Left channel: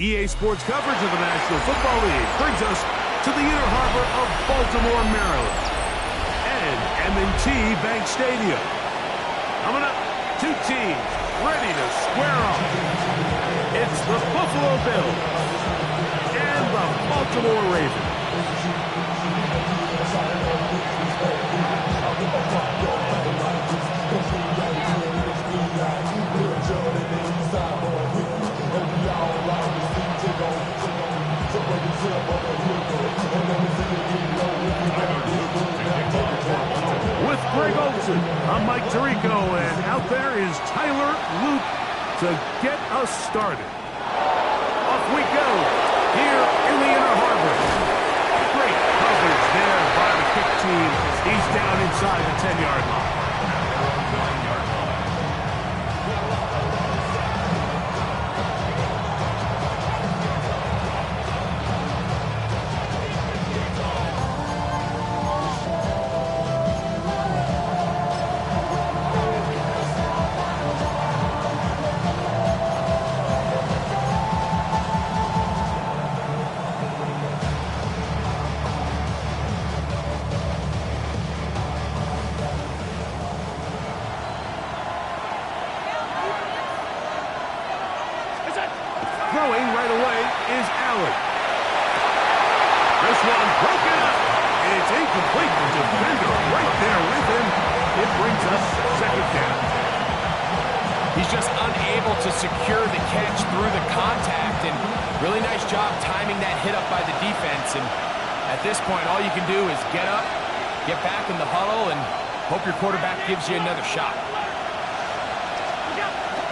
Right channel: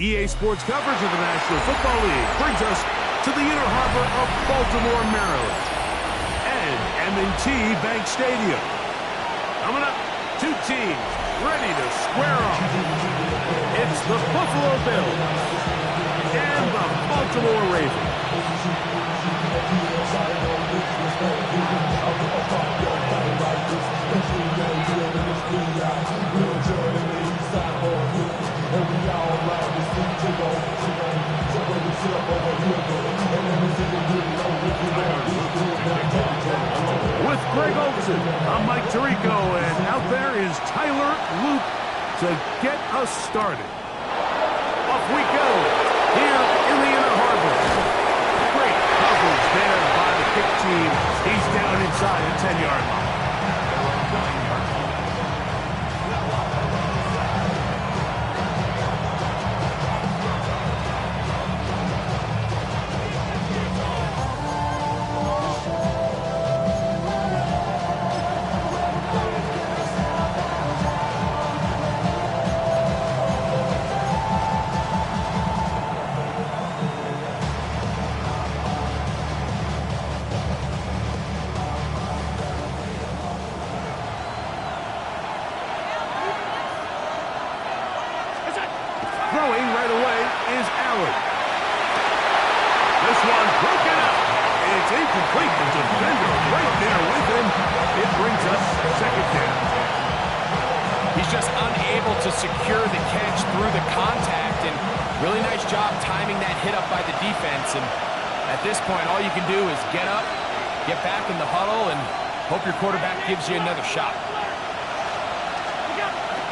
EA Sports coverage of the National Football League brings us to the Inner Harbor of Baltimore, Maryland, and M&T Bank Stadium. Coming up, two teams ready to square off. It's the Buffalo Bills and the Baltimore Ravens. With Greg Olson, I'm Mike Tirico, and out there is Tyler Loop to get us started. Off we go here in the Inner Harbor. Great coverage there by the kick team. He's down inside the 10-yard line. Throwing right away is Allen. This one broken up. It's incomplete. The defender right there with him. It brings us second down. He's just unable to secure the catch through the contact, and really nice job timing that hit up by the defense. And at this point, all you can do is get up, get back in the huddle, and hope your quarterback gives you another shot.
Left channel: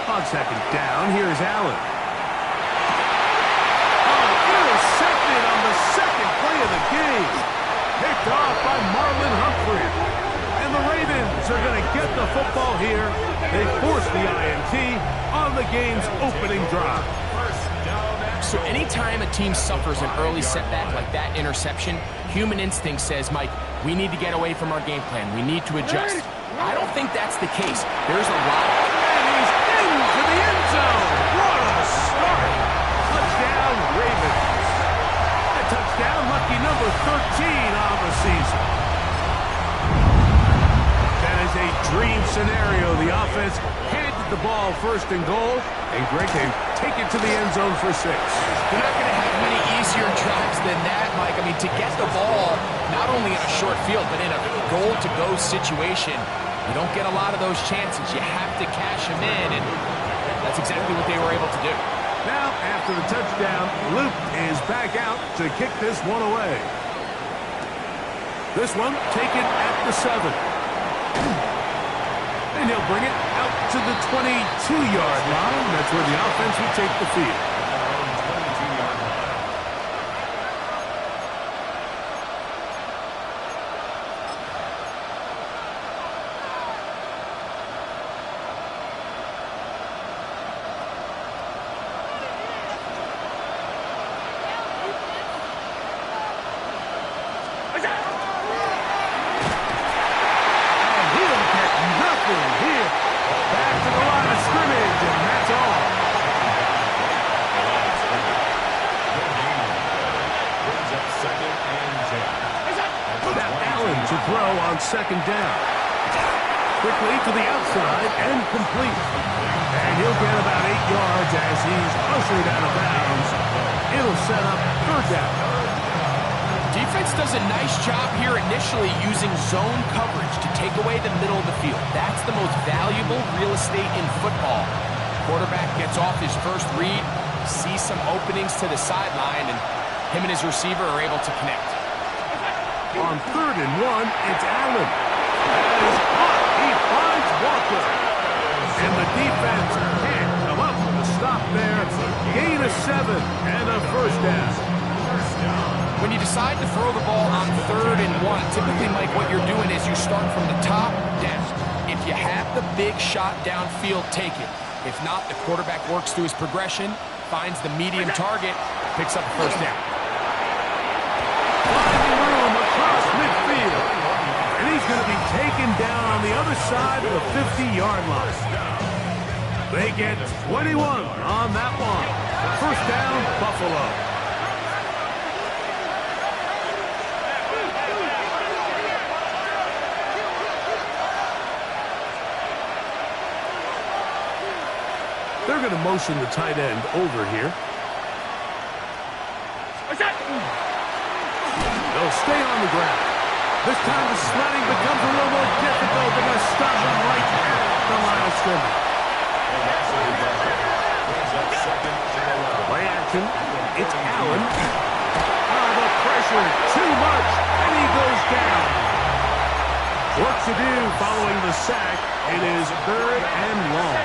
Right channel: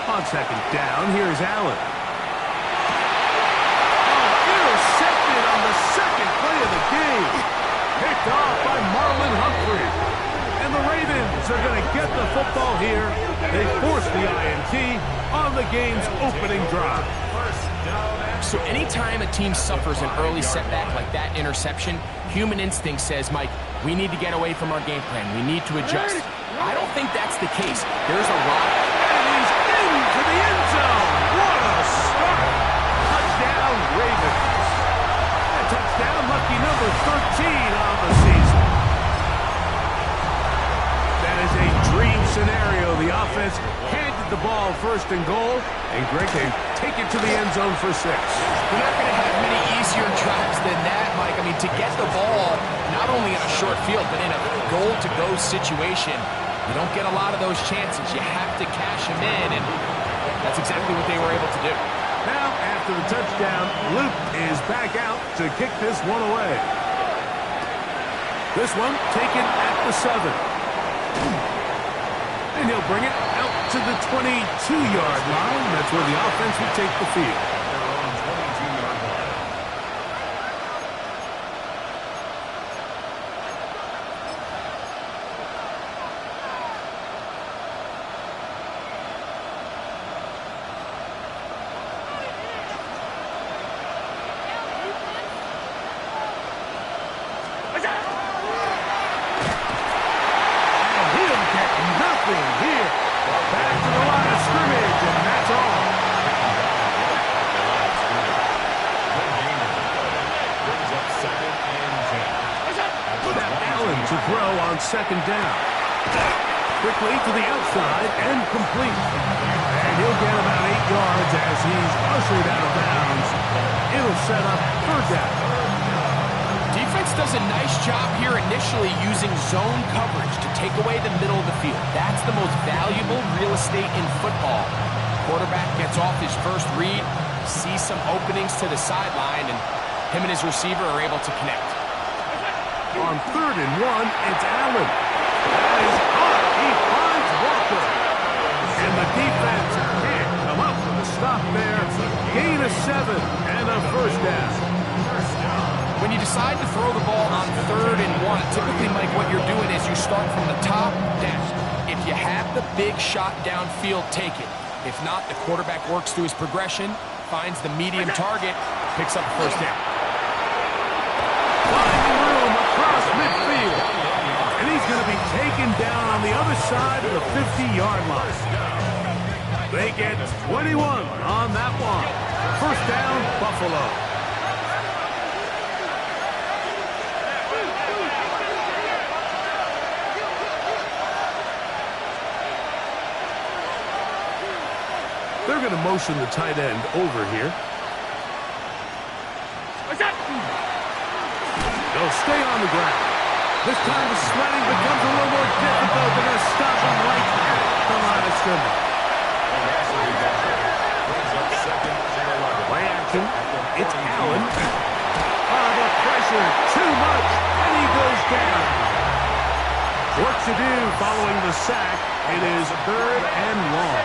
On second down, here's Allen. Intercepted on the second play of the game. Picked off by Marlon Humphrey. And the Ravens are going to get the football here. They force the INT on the game's opening drive. So anytime a team suffers an early setback like that interception, human instinct says, Mike, we need to get away from our game plan. We need to adjust. I don't think that's the case. There's a lot. And he's into the end zone. What a start. Touchdown, Ravens. A touchdown, lucky number 13 on the season. That is a dream scenario. The offense handed the ball first and goal, and Greg, they take it to the end zone for 6. They're not going to have many easier drives than that, Mike. I mean, to get the ball, not only in a short field, but in a goal-to-go situation, you don't get a lot of those chances. You have to cash them in, and that's exactly what they were able to do. Now, after the touchdown, Luke is back out to kick this one away. This one taken at the 7. And he'll bring it out to the 22-yard line. That's where the offense will take the field. At their own 22-yard line. Here, back to the line of scrimmage, and that's all. Brings up 2nd and 10. Now Allen to throw on 2nd down. Quickly to the outside and complete. And he'll get about 8 yards as he's ushered out of bounds. It'll set up 3rd down. Defense does a nice job here initially using zone coverage to take away the middle of the field. That's the most valuable real estate in football. Quarterback gets off his first read, sees some openings to the sideline, and him and his receiver are able to connect. On 3rd and 1, it's Allen. That is caught. He finds Walker. And the defense can't come up with a stop there. Gain of 7 and a 1st down. When you decide to throw the ball on 3rd and 1, typically, Mike, what you're doing is you start from the top down. If you have the big shot downfield, take it. If not, the quarterback works through his progression, finds the medium target, picks up the 1st down. Finding room across midfield. And he's going to be taken down on the other side of the 50-yard line. They get 21 on that one. First down, Buffalo. They're going to motion the tight end over here. They'll stay on the ground. This time the sledding becomes a little more difficult. They're going to stop him right at the line of scrimmage. Play action. It's Allen. The pressure, too much, and he goes down. Work to do following the sack. It is 3rd and long.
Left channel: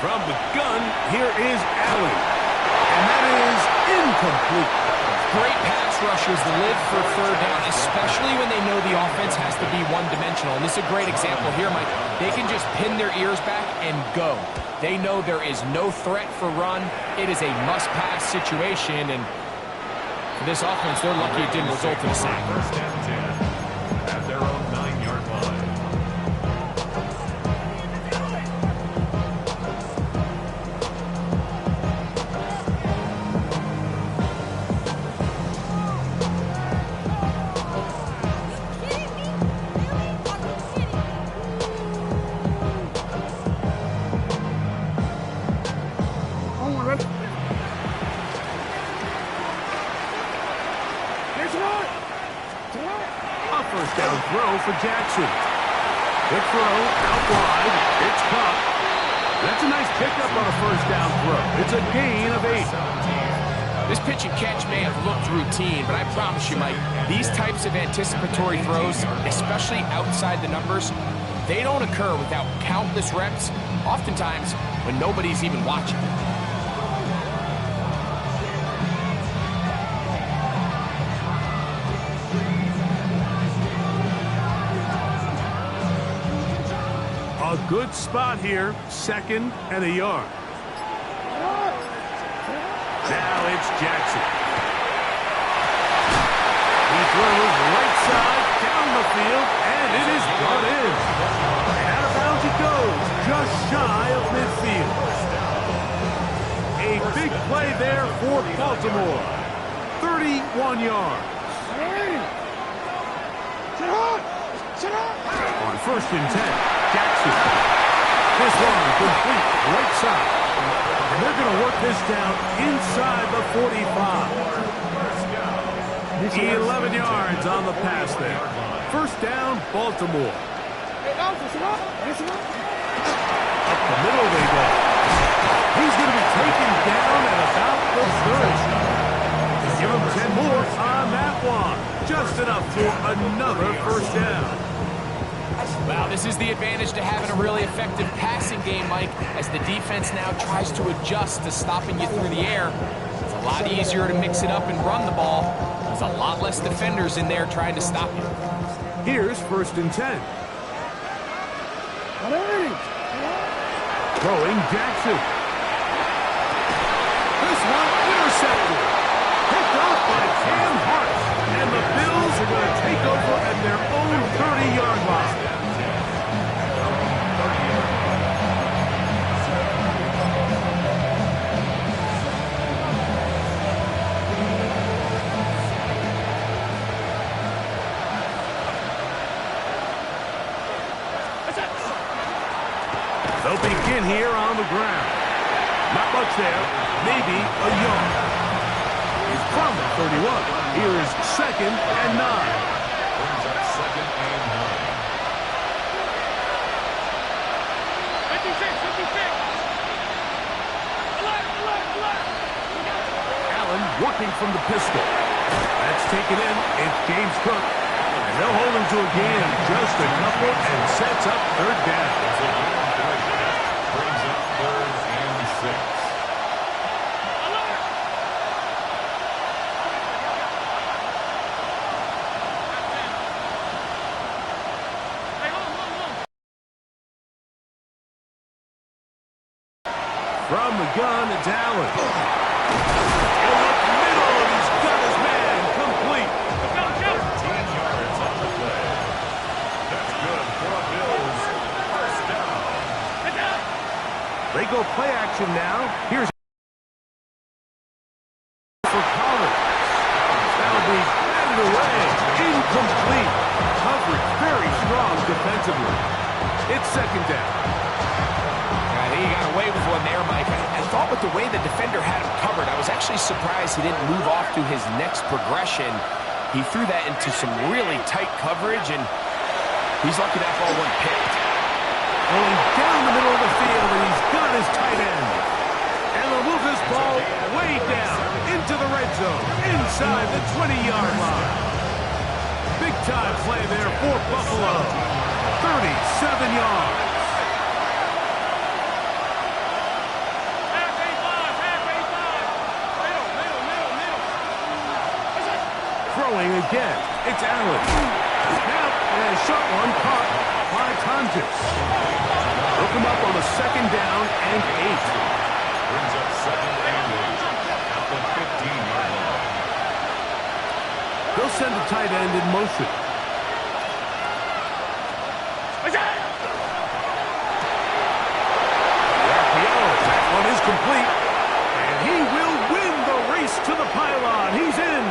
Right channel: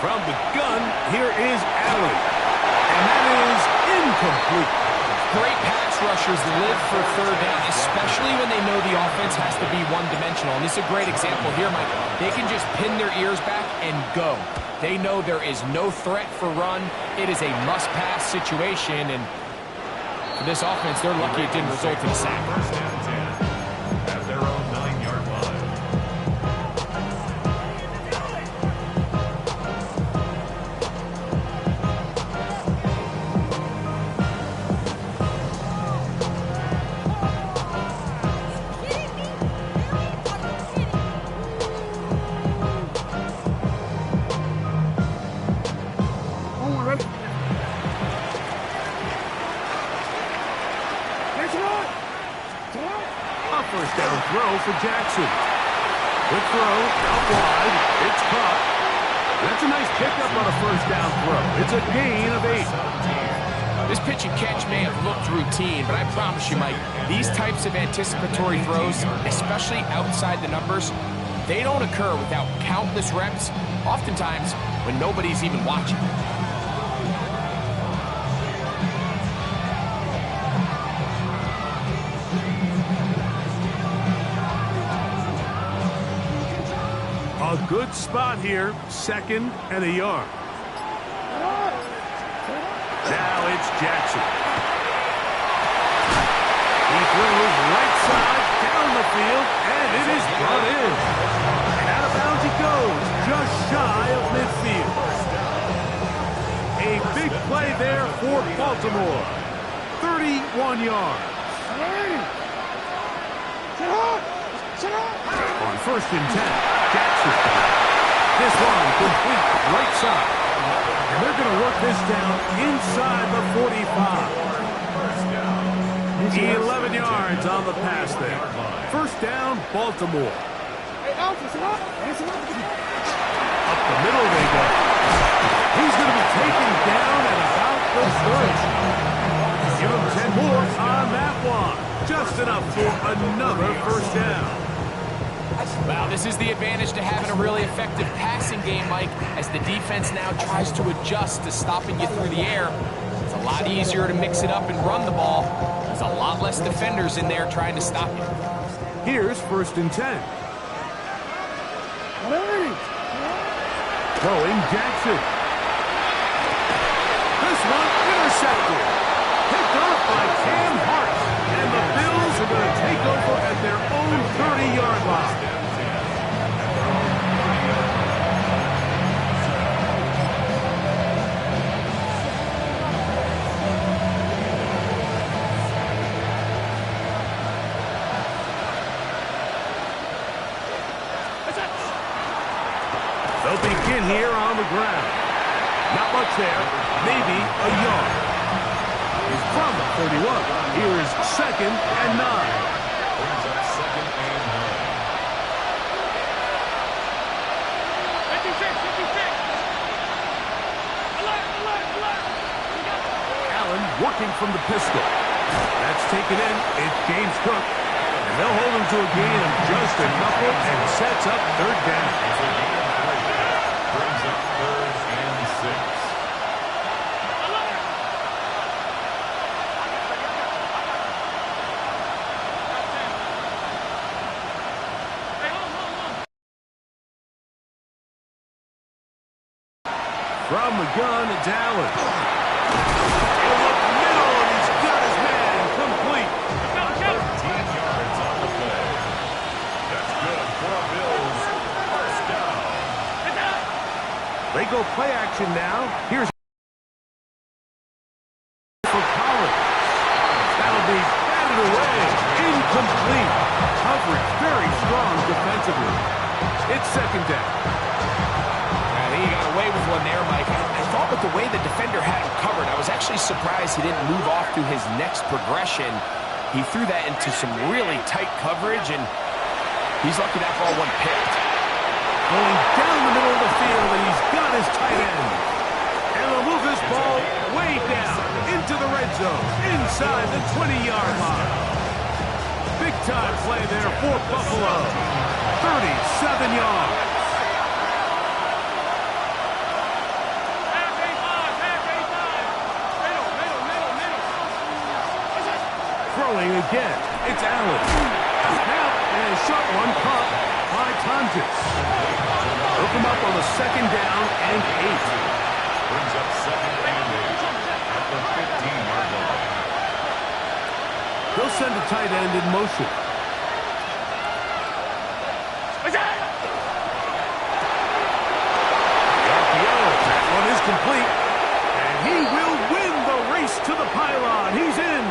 From the gun, here is Allen. And that is incomplete. Great pass rushers live for 3rd down, especially when they know the offense has to be one-dimensional. And this is a great example here, Mike. They can just pin their ears back and go. They know there is no threat for run. It is a must-pass situation. And for this offense, they're lucky it didn't result in a sack. First and 10 at their own 9-yard line. First down throw for Jackson. Quick throw, out wide. It's caught. That's a nice pickup on a first down throw. It's a gain of 8. This pitch and catch may have looked routine, but I promise you, Mike, these types of anticipatory throws, especially outside the numbers, they don't occur without countless reps, oftentimes when nobody's even watching. A good spot here, 2nd and a yard. Now it's Jackson. He throws right side down the field, and it is brought in. And out of bounds he goes, just shy of midfield. A big play there for Baltimore. 31 yards. On 1st and 10, Jackson. This one complete, right side. And they're going to work this down inside the 45. 11 yards on the pass there. First down, Baltimore. Up the middle they go. He's going to be taken down at about the 30. Give him 10 more on that one. Just enough for another first down. Well, this is the advantage to having a really effective passing game, Mike, as the defense now tries to adjust to stopping you through the air. It's a lot easier to mix it up and run the ball. There's a lot less defenders in there trying to stop you. Here's 1st and 10. Throwing Jackson. This one intercepted. Picked up by Cam Hart. And the Bills are going to take over at their own 30-yard line. They'll begin here on the ground. Not much there, maybe a yard. He's from the 31. Here is 2nd and 9. Brings up 2nd and 9. 56. Alert. Allen working from the pistol. That's taken in. It's James Cook. And they'll hold him to a gain of just a couple and sets up 3rd down. It's a gain of 3. Brings up 3rd and 6. From the gun, it's Allen. motion now. Here's for Collins. That'll be batted away. Incomplete. Coverage very strong defensively. It's second down. I think he got away with one there, Mike. I thought with the way the defender had him covered, I was actually surprised he didn't move off to his next progression. He threw that into some really tight coverage, and he's lucky that ball wasn't picked. Going down the middle of the field, and he's got his tight end. And they'll move this ball way down into the red zone, inside the 20-yard line. Big-time play there for Buffalo. 37 yards. Throwing again. It's Allen. Now, and a short one caught by Tonjes. Hook him up on the second down and 8. Brings up second and 8 at the 15-yard line. They'll send a tight end in motion. The RPO. That one is complete. And he will win the race to the pylon. He's in.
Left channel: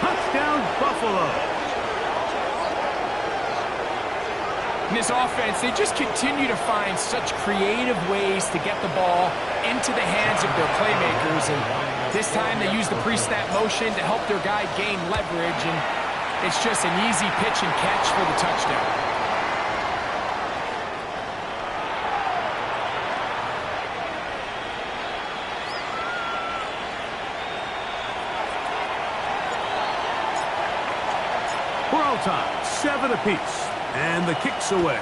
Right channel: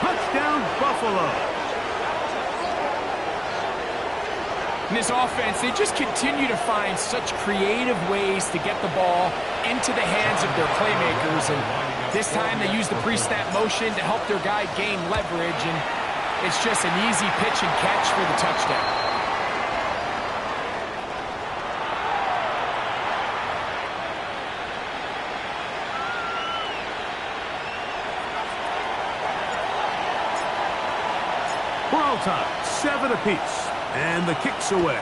Touchdown, Buffalo. In this offense, they just continue to find such creative ways to get the ball into the hands of their playmakers. And this time they use the pre-snap motion to help their guy gain leverage. And it's just an easy pitch and catch for the touchdown. For all time, 7 apiece. And the kick's away.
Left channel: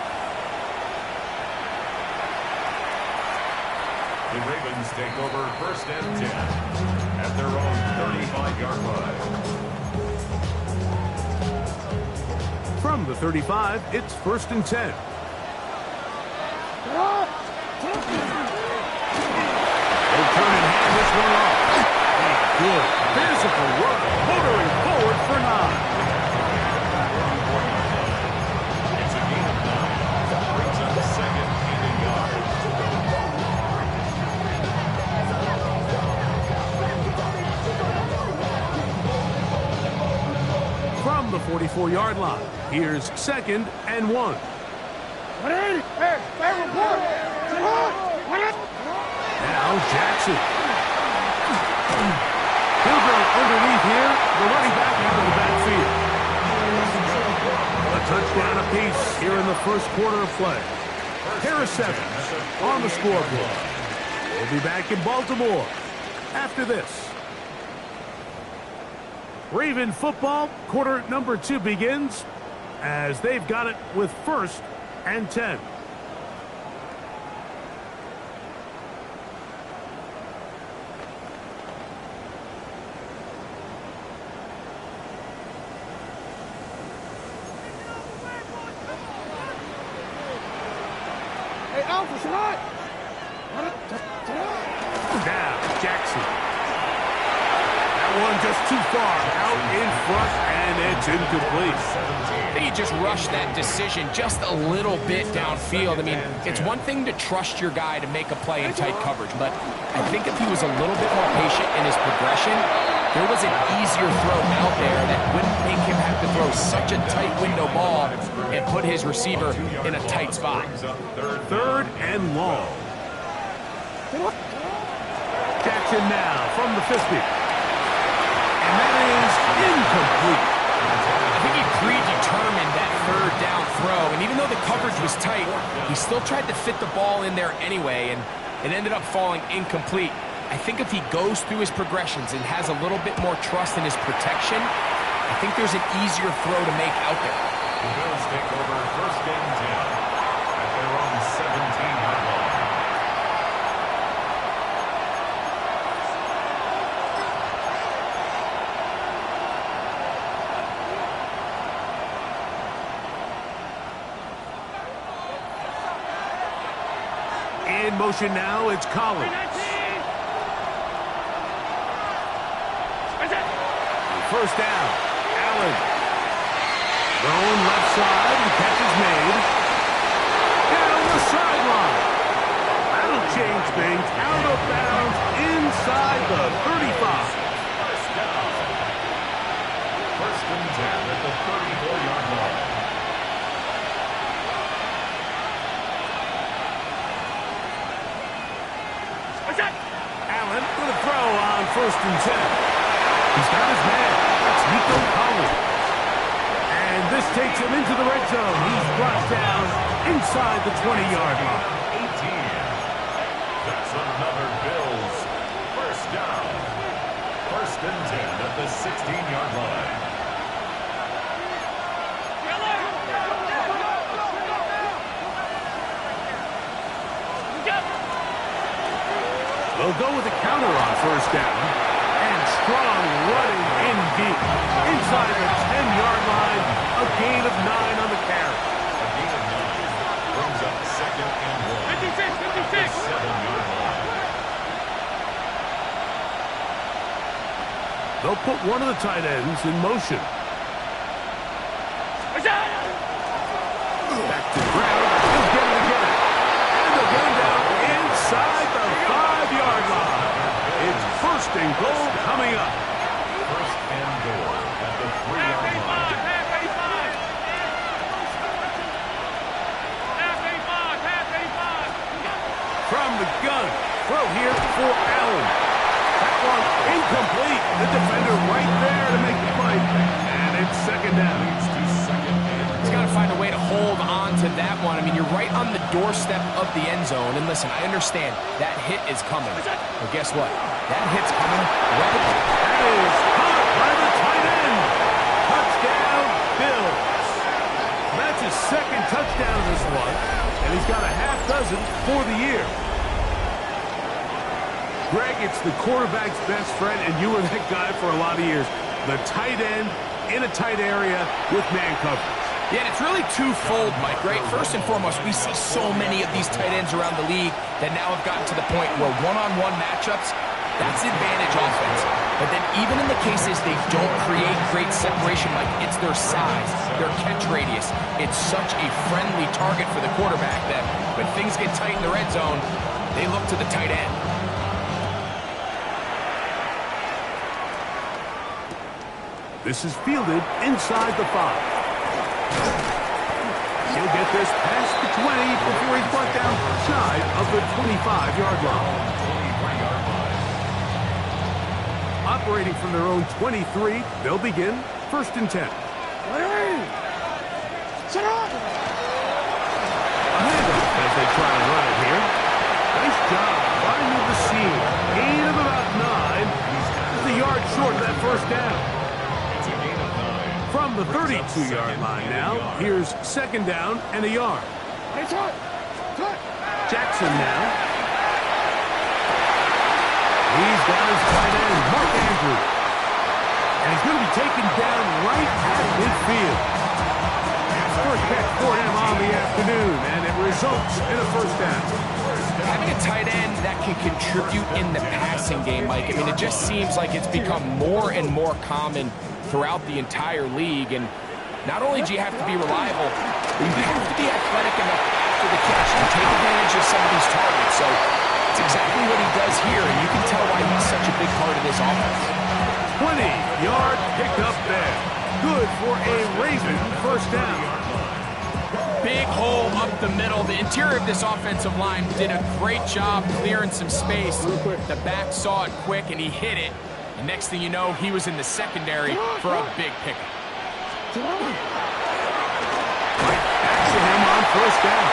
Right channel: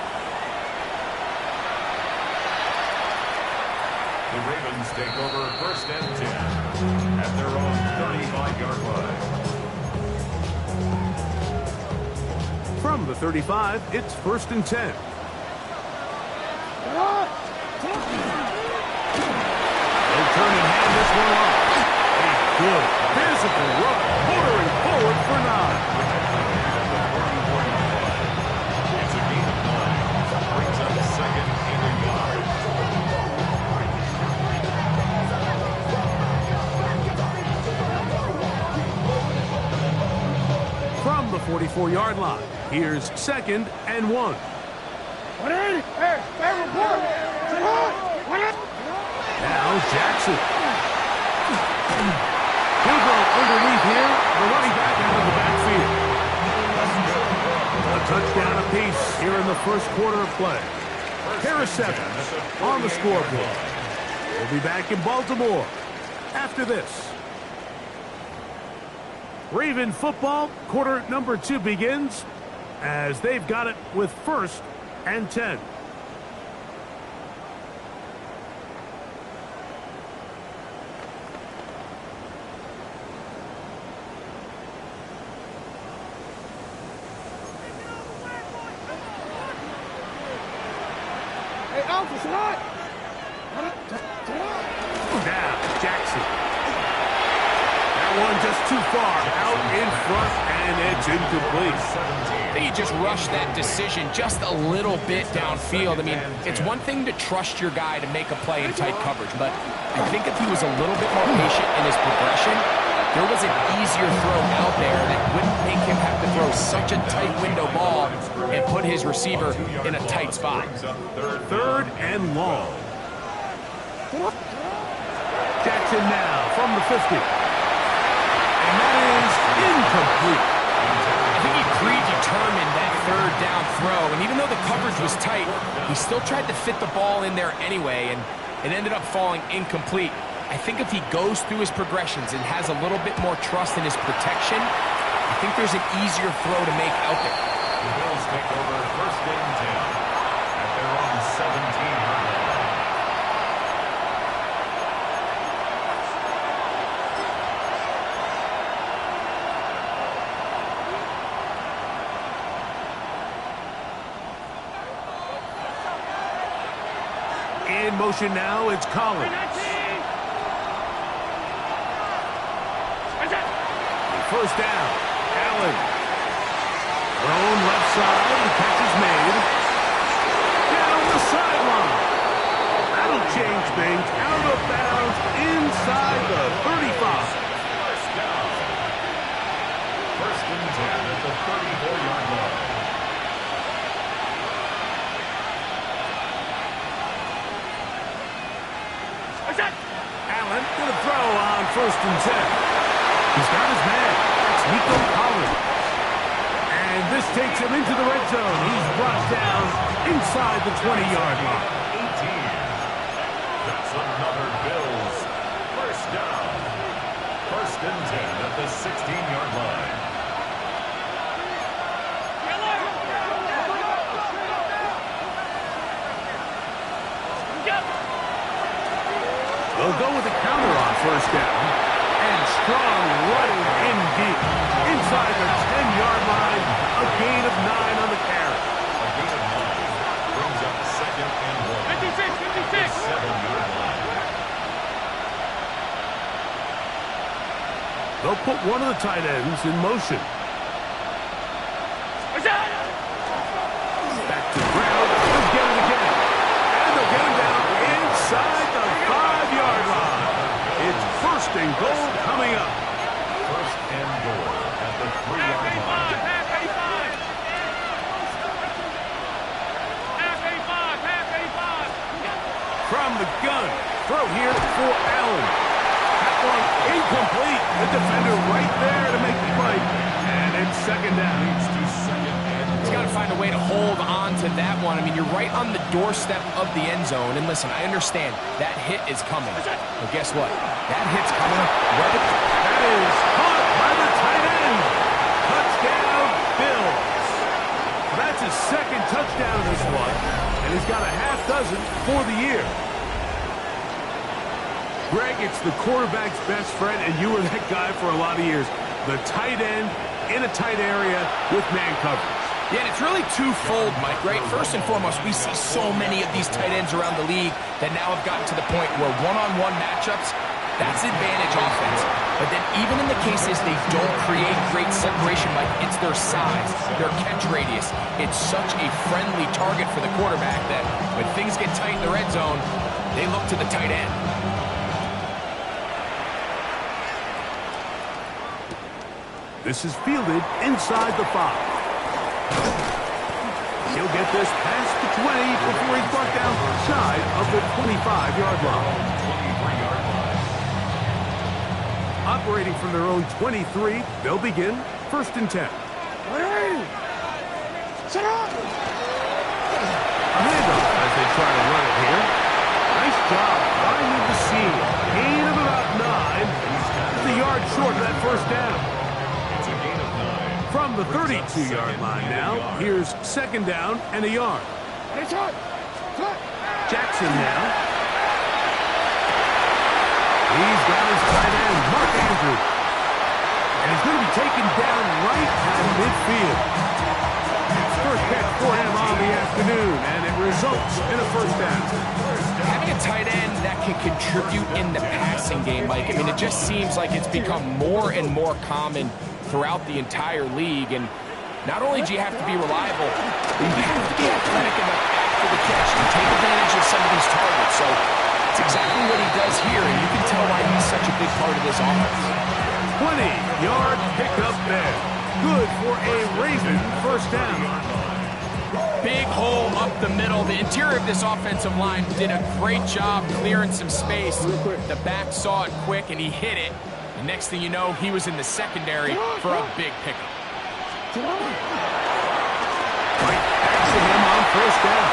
The Ravens take over first and 10 at their own 35-yard line. From the 35, it's first and 10. They'll turn and hand this one off. A good physical run, motoring forward for 9. It's a gain of 9. Brings up second and a yard. From the 44-yard line, here's second and 1. Now Jackson. He'll go underneath here. The running back out of the backfield. A touchdown apiece here in the first quarter of play. Harris Evans on the scoreboard. We'll be back in Baltimore after this. Raven football, quarter number 2 begins as they've got it with first and 10. Now, Jackson. That one just too far out in front, and it's incomplete. I think he just rushed that decision just a little bit downfield. I mean, it's one thing to trust your guy to make a play in tight coverage, but I think if he was a little bit more patient in his progression, there was an easier throw out there that wouldn't make him have to throw such a tight window ball and put his receiver in a tight spot. Third and long. Jackson now from the 50. And that is incomplete. I think he predetermined that third down throw, and even though the coverage was tight, he still tried to fit the ball in there anyway, and it ended up falling incomplete. I think if he goes through his progressions and has a little bit more trust in his protection, I think there's an easier throw to make out there. The Bills take over first and 10 at their own 17-yard line. In motion now, it's Collins. First down, Allen. Thrown left side, the catch is made. Down the sideline. That'll change things. Out of bounds inside the 35. First down. First and 10 at the 34-yard line. Allen going to throw on first and 10. He's got his man. That's Nico Collins. And this takes him into the red zone. He's brought down inside the 20-yard line. 18. That's another Bills first down. First and 10 at the 16-yard line. They'll go with a counter on first down. And Strong running in deep. Inside the 10-yard line, a gain of 9 on the carry. A gain of 9 brings up second and 1. 56. 7-yard line. They'll put one of the tight ends in motion. Back to the ground. He'll get it again. And they'll get him down inside the 5-yard line. It's first and goal coming up. First and goal at the 3-yard line. From the gun. Throw here for Allen. That one incomplete. The defender right there to make the play. And it's second down. Leads to second and He's got to find a way to hold on to that one. I mean, you're right on the doorstep of the end zone. And listen, I understand that hit is coming. But guess what? That hit's coming right at That is caught by the tight end. Touchdown, Bills. That's his second touchdown this one. And he's got a half dozen for the year. Greg, it's the quarterback's best friend, and you were that guy for a lot of years. The tight end in a tight area with man coverage. Yeah, and it's really twofold, Mike, right? First and foremost, we see so many of these tight ends around the league that now have gotten to the point where one-on-one matchups, that's advantage offense. But then even in the cases they don't create great separation, Mike, it's their size, their catch radius. It's such a friendly target for the quarterback that when things get tight in the red zone, they look to the tight end. This is fielded inside the 5. He'll get this past the 20 before he's brought down shy of the 25-yard line. 23-yard line. Operating from their own 23, they'll begin first and 10. A handoff as they try to run it here. Nice job finding the seam. Gain of about 9. Just a yard short of that first down. It's a gain of 9. From the 32-yard line now, here's second down and a yard. Jackson now. He's got his tight end, Mark Andrews. And he's going to be taken down right at midfield. First catch for him on the afternoon, and it results in a first down. Having a tight end that can contribute in the passing game, Mike, I mean, it just seems like it's become more and more common throughout the entire league. And not only do you have to be reliable, but you have to be athletic enough after the catch to take advantage of some of these targets. So it's exactly what he does here, and you can tell why he's such a big part of this offense. 20-yard pickup there. Good for a Raven first down. Big hole up the middle. The interior of this offensive line did a great job clearing some space. The back saw it quick, and he hit it. And next thing you know, he was in the secondary for a big pickup. Right back to him on first down.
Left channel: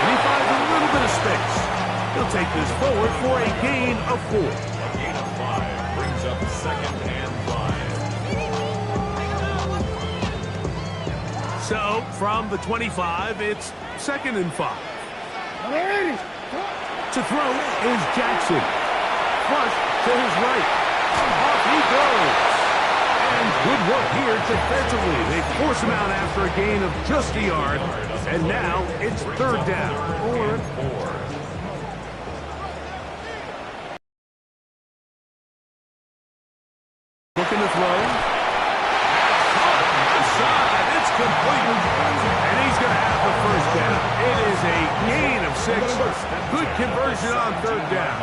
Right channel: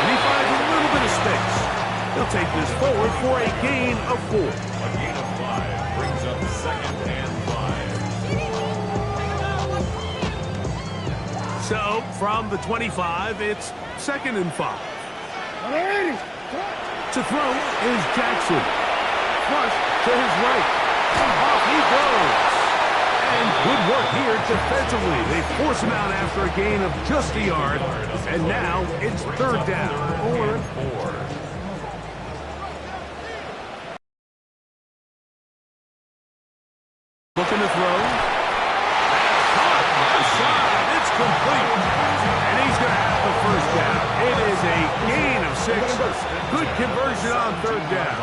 And he finds a little bit of space. He'll take this forward for a gain of 4. A gain of 5 brings up second and 5. So, from the 25, it's second and 5. To throw is Jackson. Flush to his right. Off he goes. And good work here defensively. They force him out after a gain of just a yard. And now it's third down. 4. Looking to throw. That's caught outside. It's complete. And he's going to have the first down. It is a gain of 6. Good conversion on third down.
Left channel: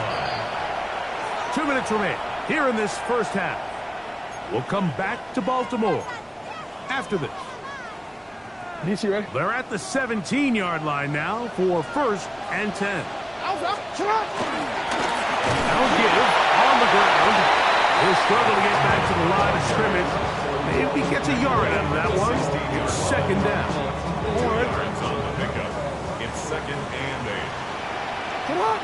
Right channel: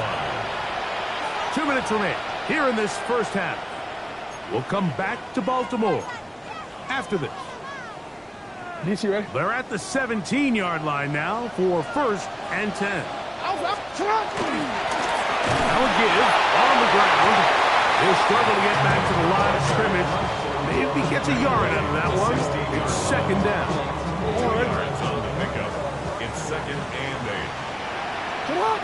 2 minutes remain here in this first half. We'll come back to Baltimore after this. DC ready? They're at the 17-yard line now for 1st and 10. That'll give on the ground. He'll struggle to get back to the line of scrimmage. Maybe gets a yard out of that one. It's 2nd down. Yards on the pickup. It's 2nd and 8. Come on.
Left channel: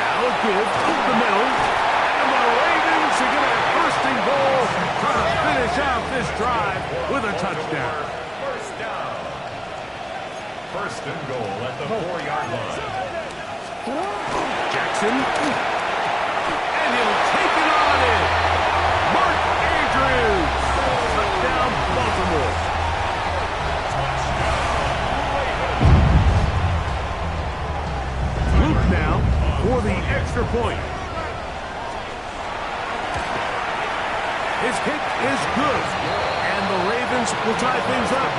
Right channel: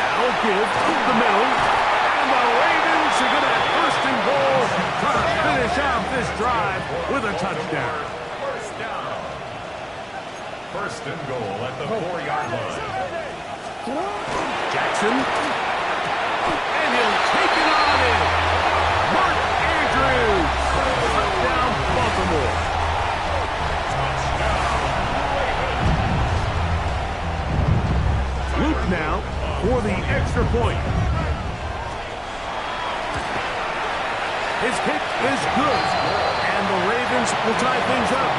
Now a give up the middle. And the Ravens are going to have 1st and goal. Trying to finish off this drive with a touchdown. 1st down. 1st and goal at the 4-yard line. Jackson. And he'll take it on in. Mark Andrews. Touchdown, Baltimore. Touchdown, Ravens. Luke now for the extra point. His kick is good. And the Ravens will tie things up.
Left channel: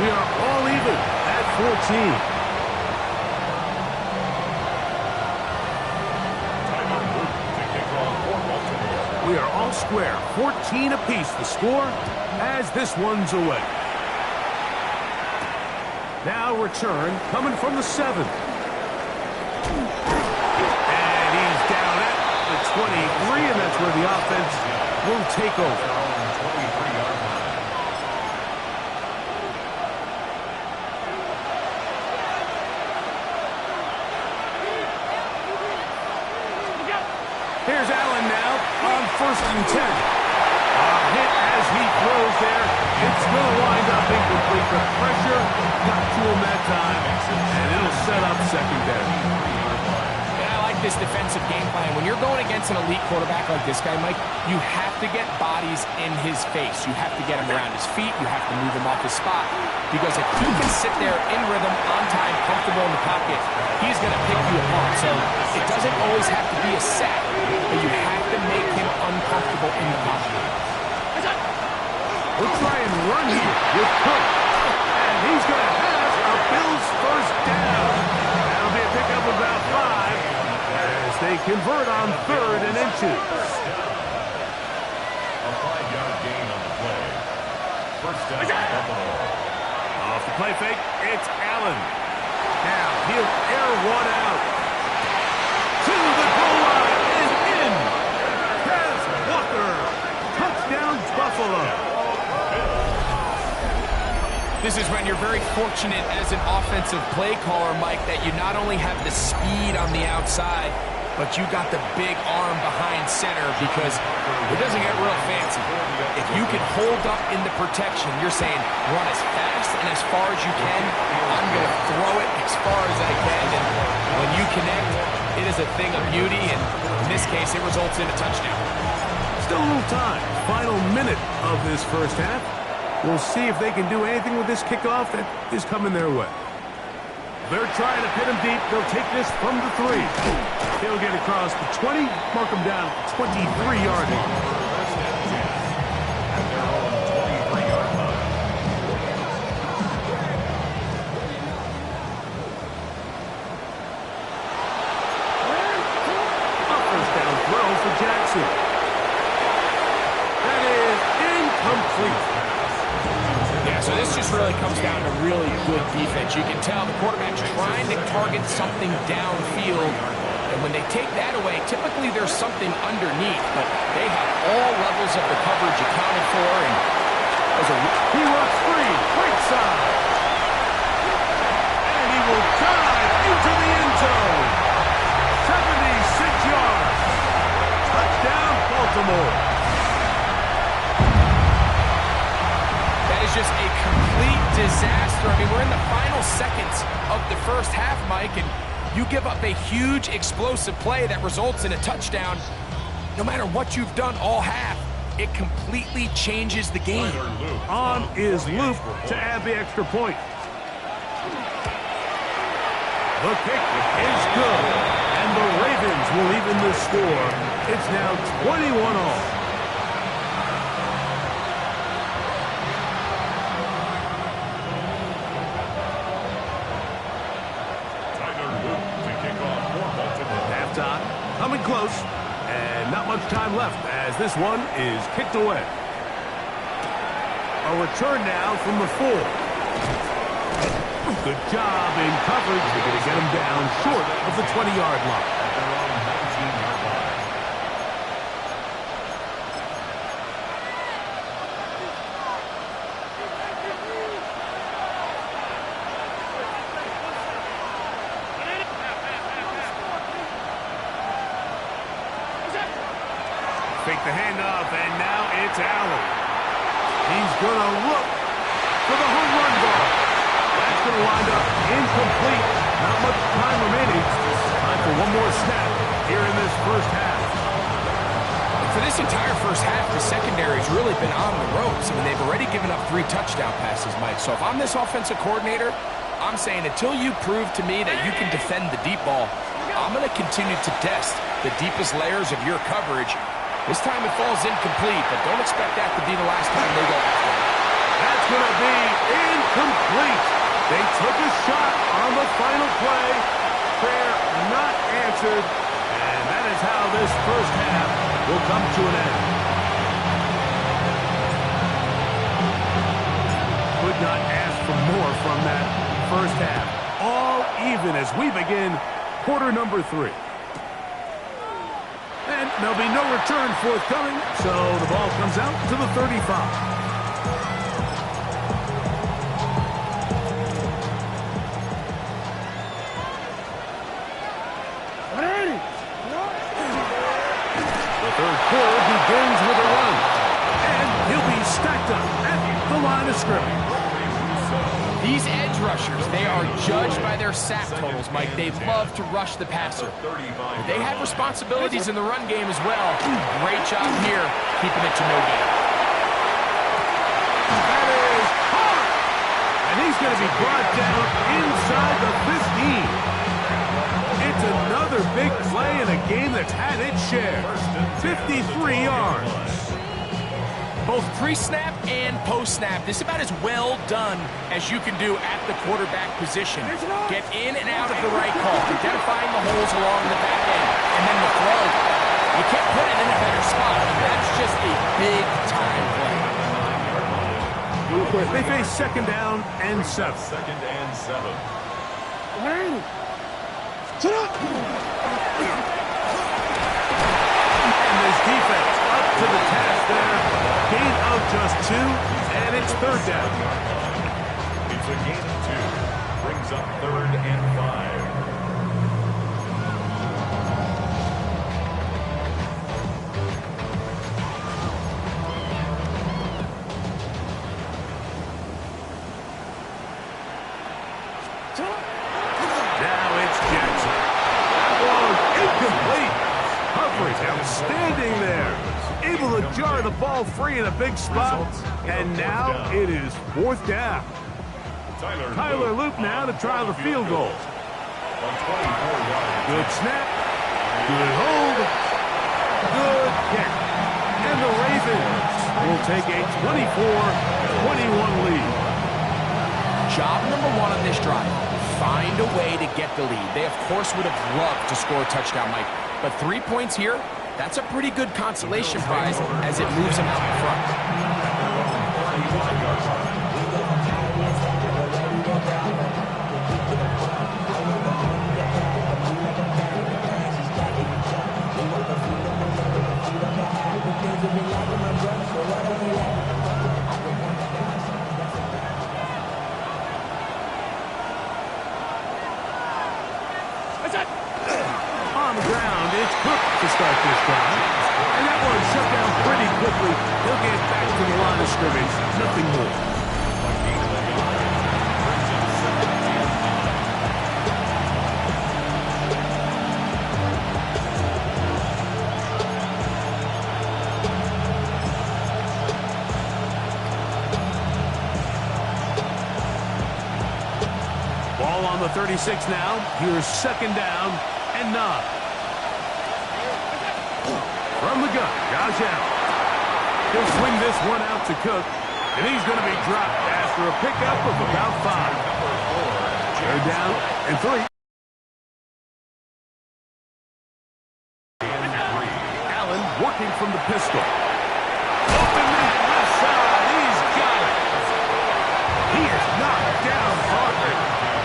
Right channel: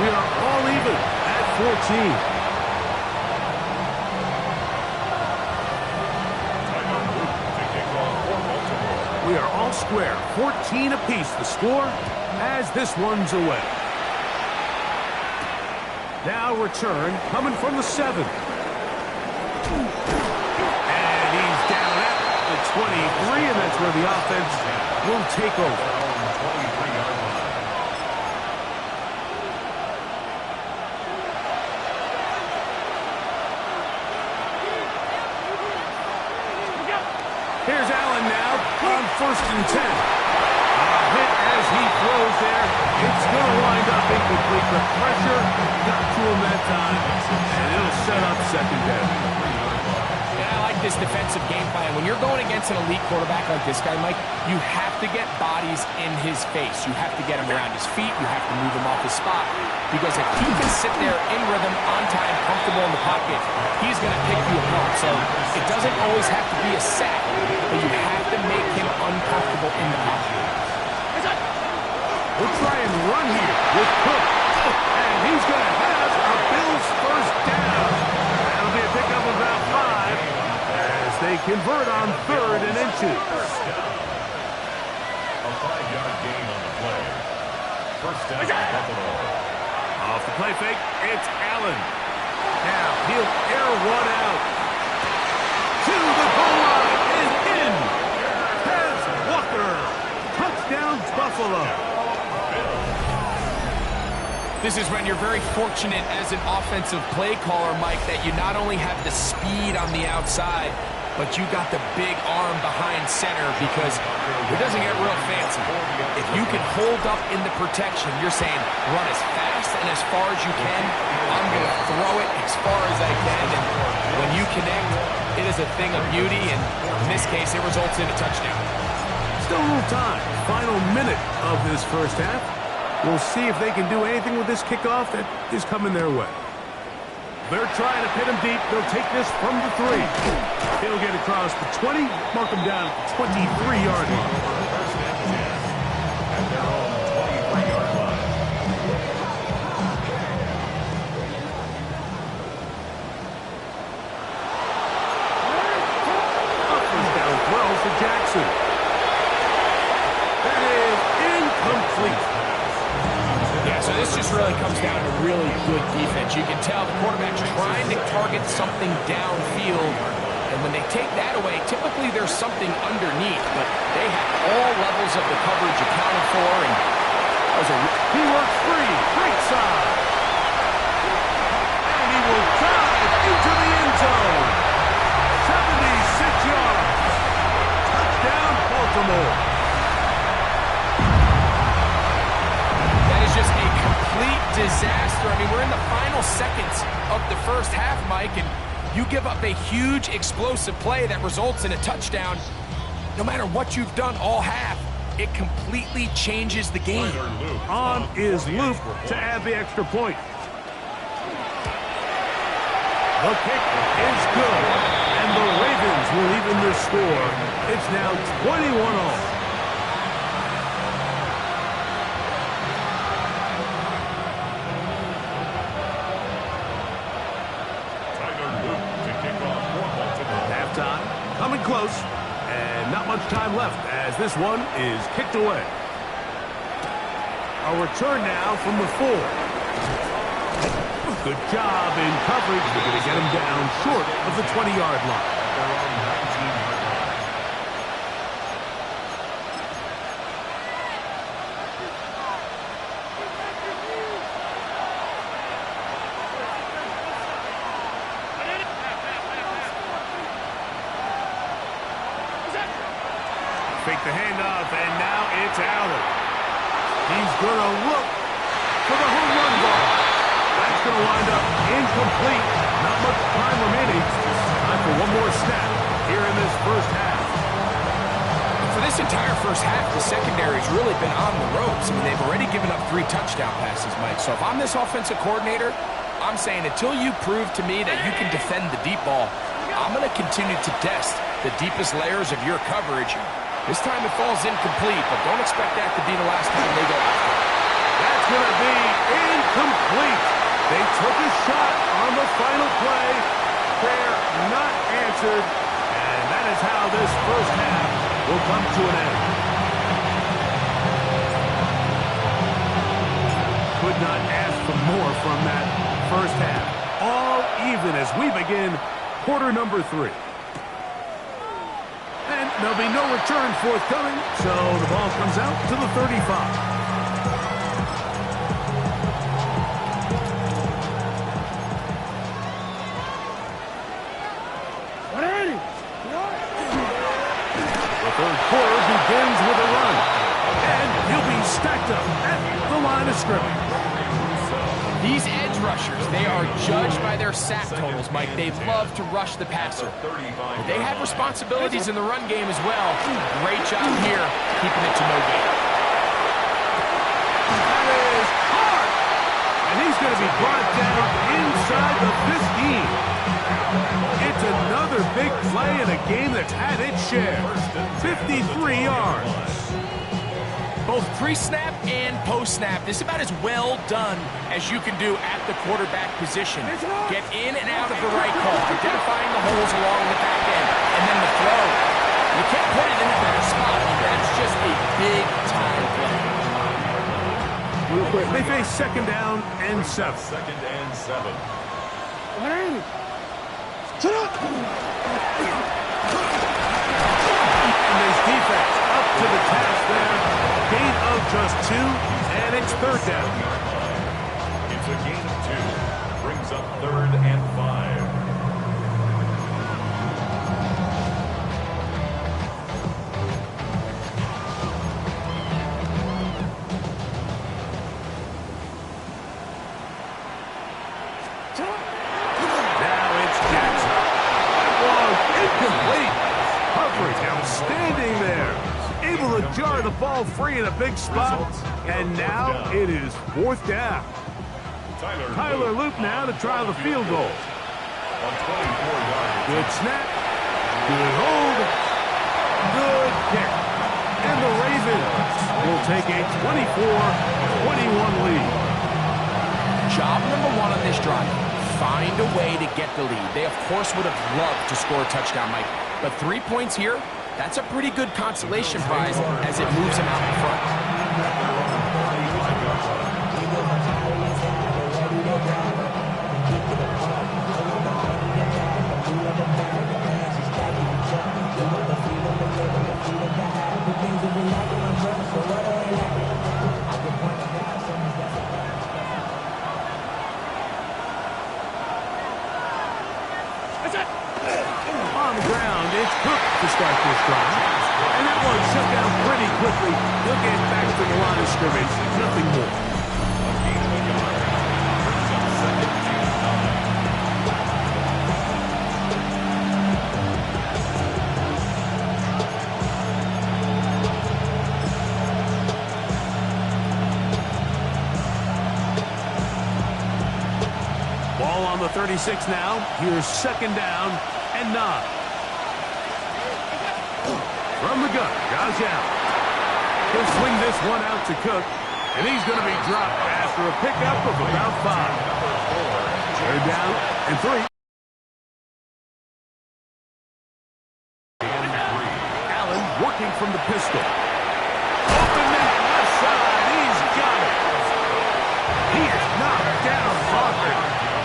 We are all even at 14. We are all square. 14 apiece the score as this one's away. Now return coming from the 7. And he's down at the 23, and that's where the offense will take over. 23-yard line. Here's Allen now on 1st and 10. A hit as he throws there. It's going to wind up incomplete. The pressure got to him that time, and it'll set up 2nd down. And I like this defensive game plan. When you're going against an elite quarterback like this guy, Mike, you have to get bodies in his face. You have to get him around his feet. You have to move him off his spot. Because if he can sit there in rhythm, on time, comfortable in the pocket, he's going to pick you apart. So it doesn't always have to be a sack, but you have to make him uncomfortable in the pocket. We'll try and run here with Cook. And he's going to have a Bills 1st down. That'll be a pickup of about 5 as they convert on 3rd and inches. A 5-yard gain on the play. 1st down, Buffalo. Off the play fake, it's Allen. Now he'll air one out. To the goal line and in. Kez Walker. Touchdown, Buffalo. This is when you're very fortunate as an offensive play caller, Mike, that you not only have the speed on the outside, but you got the big arm behind center because it doesn't get real fancy. If you can hold up in the protection, you're saying run as fast and as far as you can. I'm going to throw it as far as I can, and when you connect, it is a thing of beauty, and in this case, it results in a touchdown. Still a little time. Final minute of this first half. We'll see if they can do anything with this kickoff that is coming their way. They're trying to pin him deep. They'll take this from the 3. He'll get across the 20, mark him down at the 23-yard line. 1st and 10 at their own 23-yard line. A 1st down throw for Jackson. That is incomplete. Yeah, so this just really comes down to really good defense. You can tell the quarterback's trying to target something downfield, and when they take that away, typically there's something underneath, but they have all levels of the coverage accounted for, and that was he works free, right side. And he will dive into the end zone. 76 yards. Touchdown, Baltimore. That is just a complete disaster. I mean, we're in the final seconds of the first half, Mike, and you give up a huge explosive play that results in a touchdown. No matter what you've done all half, it completely changes the game. On is Luke to add the extra point. The kick is good, and the Ravens will even the score. It's now 21-all. Coming close, and not much time left as this one is kicked away. A return now from the 4. Good job in coverage. They're going to get him down short of the 20-yard line. At their own 19-yard line. Fake the handoff, and now it's Allen. He's going to look for the home run ball. That's going to wind up incomplete. Not much time remaining. Time for one more snap here in this first half. And for this entire first half, the secondary's really been on the ropes. I mean, they've already given up 3 touchdown passes, Mike. So if I'm this offensive coordinator, I'm saying until you prove to me that you can defend the deep ball, I'm going to continue to test the deepest layers of your coverage. This time it falls incomplete, but don't expect that to be the last time they go after it. That's going to be incomplete. They took a shot on the final play. Prayer not answered, and that is how this first half will come to an end. Could not ask for more from that first half. All even as we begin quarter number 3. And there'll be no return forthcoming, so the ball comes out to the 35. The third quarter begins with a run, and he'll be stacked up at the line of scrimmage. These edge rushers, they are judged by their sack totals, Mike. They love to rush the passer. They have responsibilities in the run game as well. Great job here, keeping it to no gain. That is hard, and he's going to be brought down inside the 15. It's another big play in a game that's had its share. 53 yards. Both pre-snap and post-snap, this is about as well done as you can do at the quarterback position. Get in and out of the right call, identifying the holes along the back end, and then the throw. You can't put it in a better spot. I mean, that's just a big-time play. They face second down and 7. Second and 7. And this defense up to the task there. Gain of just 2, and it's third down. It's a gain of 2. Brings up 3rd and 5. Now it's Jackson. That was incomplete. Coverage outstanding there. Able to jar the ball free in a big spot. And now it is 4th down. Tyler Loop now to try the field goal. Good snap. Good hold. Good kick. And the Ravens will take a 24-21 lead. Job number 1 on this drive. Find a way to get the lead. They, of course, would have loved to score a touchdown, Mike. But 3 points here, that's a pretty good consolation prize as it moves them out in front. On the ground, it's Cook to start this drive. And that one shut down pretty quickly. He'll get back to the line of scrimmage. Nothing more. A gain of a yard. Brings up 2nd and 9. Ball on the 36 now. Here's 2nd down and 9. From the gun, Josh Allen. He'll swing this one out to Cook, and he's going to be dropped after a pickup of about 5. They're down and 3. working from the pistol. Open man, left side. He's got it. He is knocked down hard.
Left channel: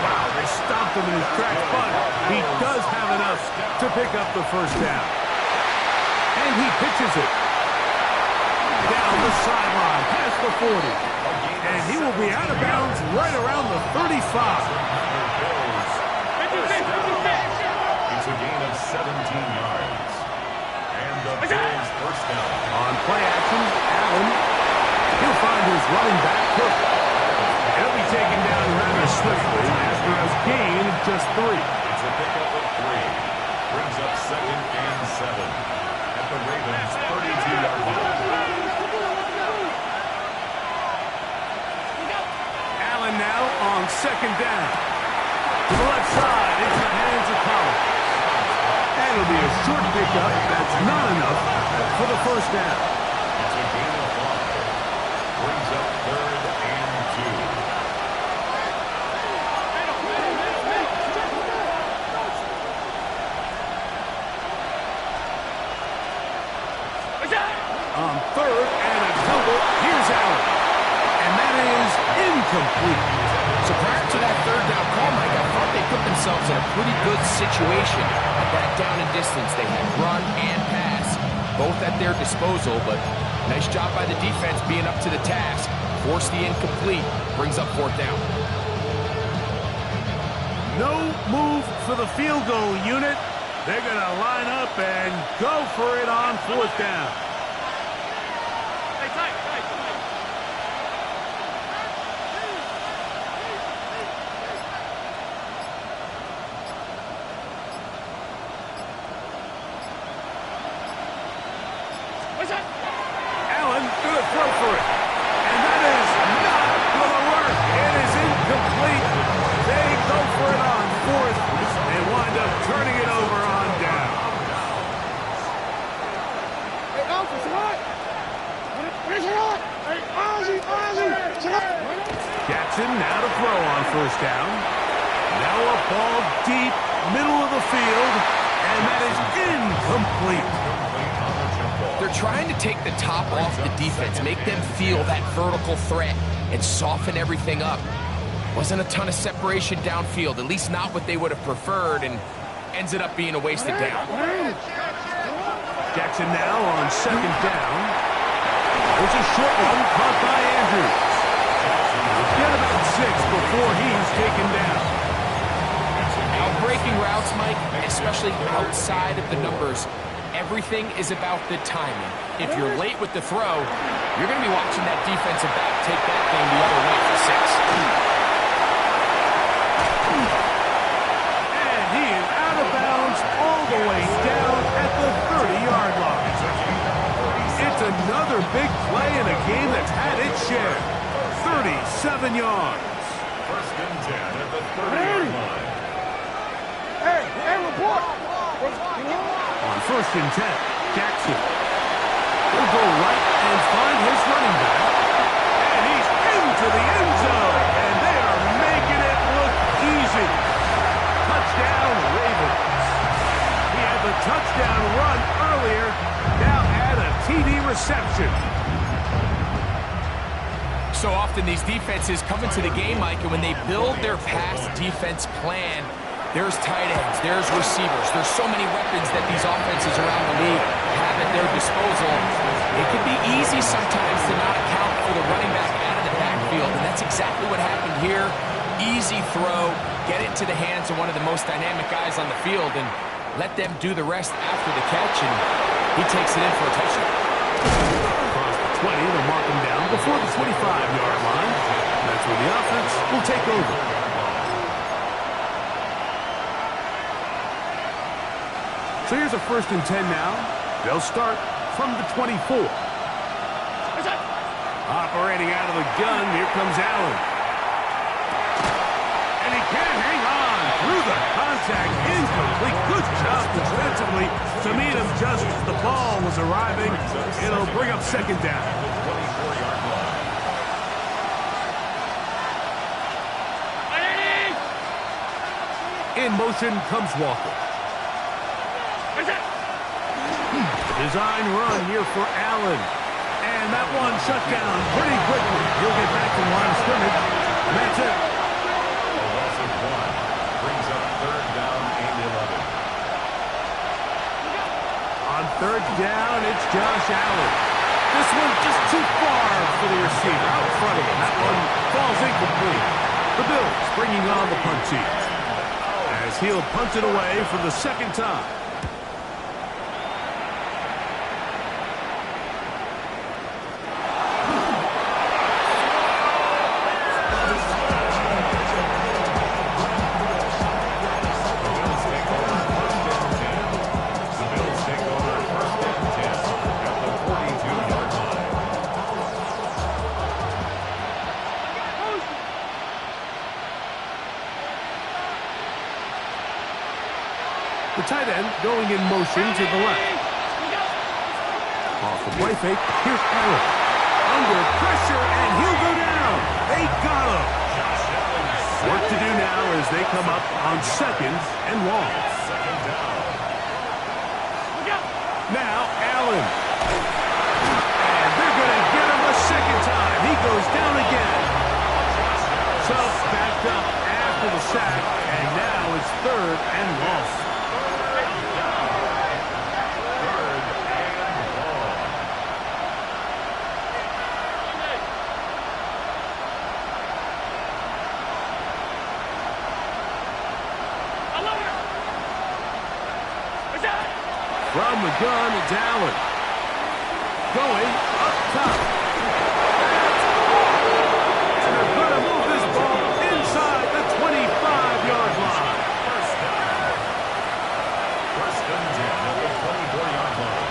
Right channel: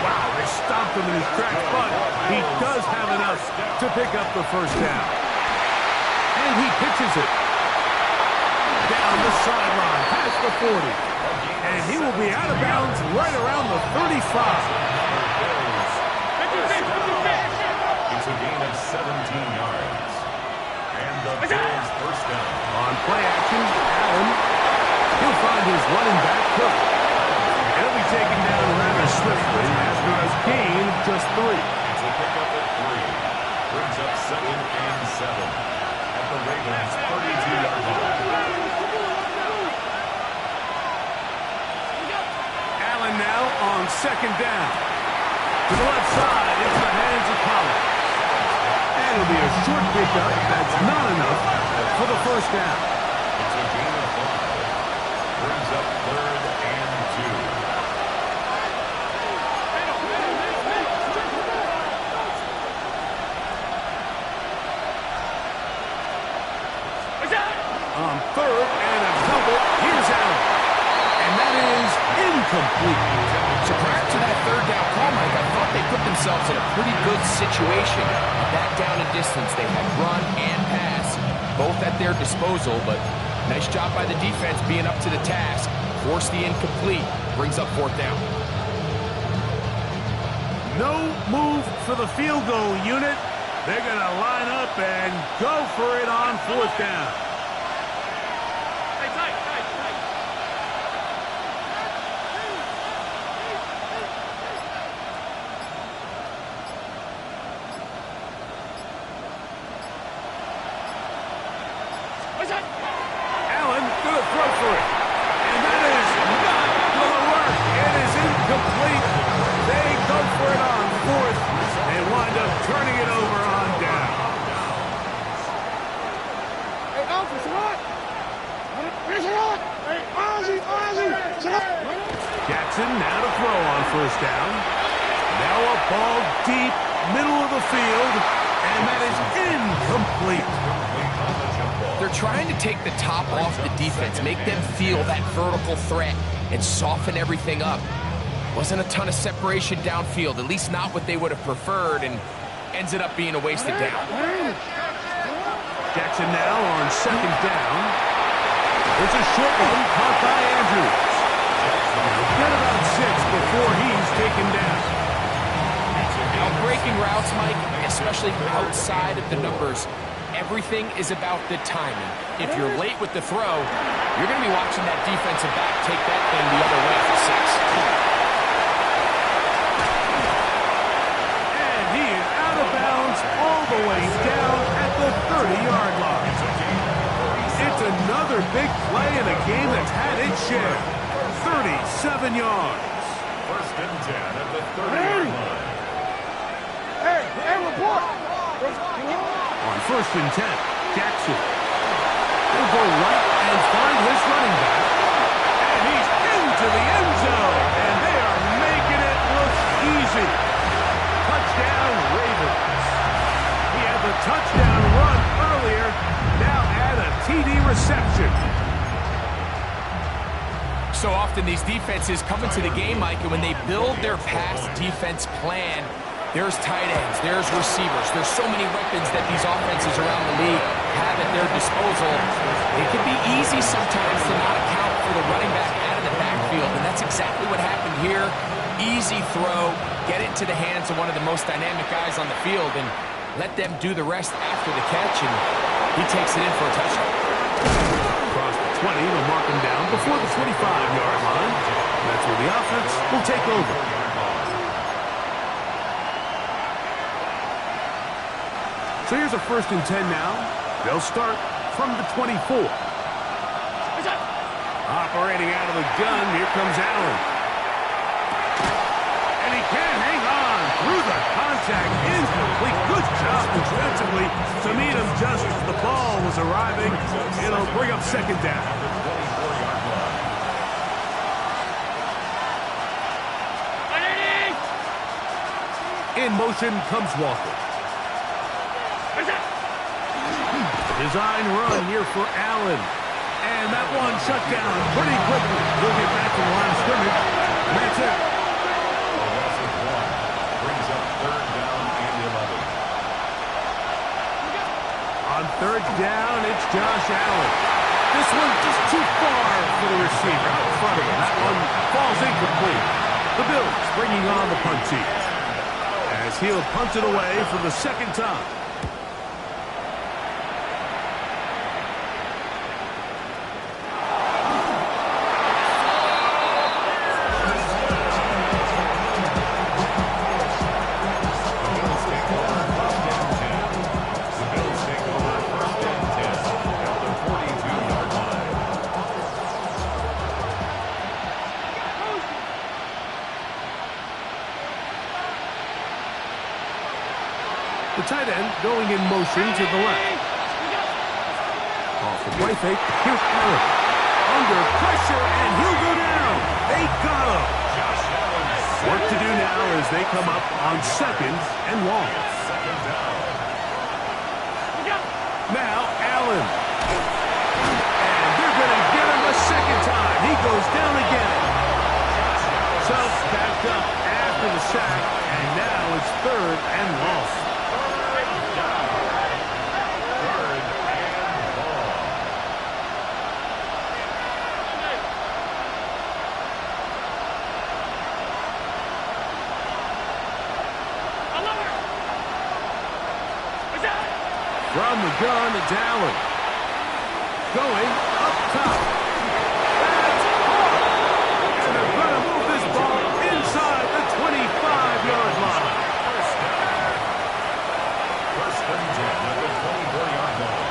Wow, they stopped him in his tracks, but he does have enough to pick up the first down. And he pitches it down the sideline, past the 40. And he will be out of bounds right around the 35. It's a gain of 17 yards. And the Bills first down. On play action, Allen. He'll find his running back, Cook. He'll be taken down rather swiftly after a gain of just 3. It's a pickup of 3. Brings up 2nd and 7 at the Ravens' 32-yard line. Allen now on 2nd down. To the left side, into the hands of Collins. And it'll be a short pickup. That's not enough for the first down. It's a gain of 5. Brings up 3rd and 2. On 3rd and a couple, here's Allen. And that is incomplete. So prior to that 3rd down call, Mike, I thought they put themselves in a pretty good situation. At that down and distance, they had run and pass, both at their disposal, but nice job by the defense being up to the task. Forced the incomplete, brings up 4th down. No move for the field goal unit. They're going to line up and go for it on 4th down. Allen going to throw for it. And that is not going to work. It is incomplete. They go for it on 4th and wind up turning it over on down. Hey, Alfred, what? Hey, Ozzy. Jackson now to throw on 1st down. Now a ball deep, middle of the field, and that is incomplete. They're trying to take the top off the defense, make them feel that vertical threat, and soften everything up. Wasn't a ton of separation downfield, at least not what they would have preferred, and ends it up being a wasted down. Jackson now on 2nd down. There's a short one caught by Andrews. Get about 6 before he's taken down. Now breaking routes, Mike, especially outside of the numbers, everything is about the timing. If you're late with the throw, you're going to be watching that defensive back take that thing the other way for 6. And he is out of bounds all the way down at the 30-yard line. It's another big play in a game that's had its share. 37 yards. 1st and 10 at the 30-yard line. Hey, report. On 1st and 10, Jackson. He'll go right and find his running back. And he's into the end zone. And they are making it look easy. Touchdown, Ravens. He had the touchdown run earlier. Now add a TD reception. So often these defenses come into the game, Mike, and when they build their pass defense plan, there's tight ends, there's receivers, there's so many weapons that these offenses around the league have at their disposal. It can be easy sometimes to not account for the running back out of the backfield, and that's exactly what happened here. Easy throw, get it to the hands of one of the most dynamic guys on the field, and let them do the rest after the catch, and he takes it in for a touchdown. Across the 20, they'll mark him down before the 25-yard line. That's where the offense will take over. So here's a 1st and 10 now. They'll start from the 24. Operating out of the gun, here comes Allen. And he can't hang on through the contact. Incomplete. Good job defensively to meet him just as the ball was arriving. It'll bring up 2nd down. In motion comes Walker. Design run here for Allen. And that one shut down pretty quickly. He'll get back to the line of scrimmage. And that's it. A loss of 1 brings up 3rd down and 11. On 3rd down, it's Josh Allen. This one just too far for the receiver out in front of him. That one falls incomplete. The Bills bringing on the punt team as he'll punt it away for the 2nd time. The tight end going in motion to the left. Off the play fake. Here's Allen. Under pressure, and he'll go down. They got him. Work to do now as they come up on 2nd and long. Now Allen. And they're going to get him a 2nd time. He goes down again. So backed up after the sack, and now it's 3rd and long. From the gun, it's Allen. Going up top. That's hard. And they're going to move this ball inside the 25-yard line. First and 10 at the 24-yard line.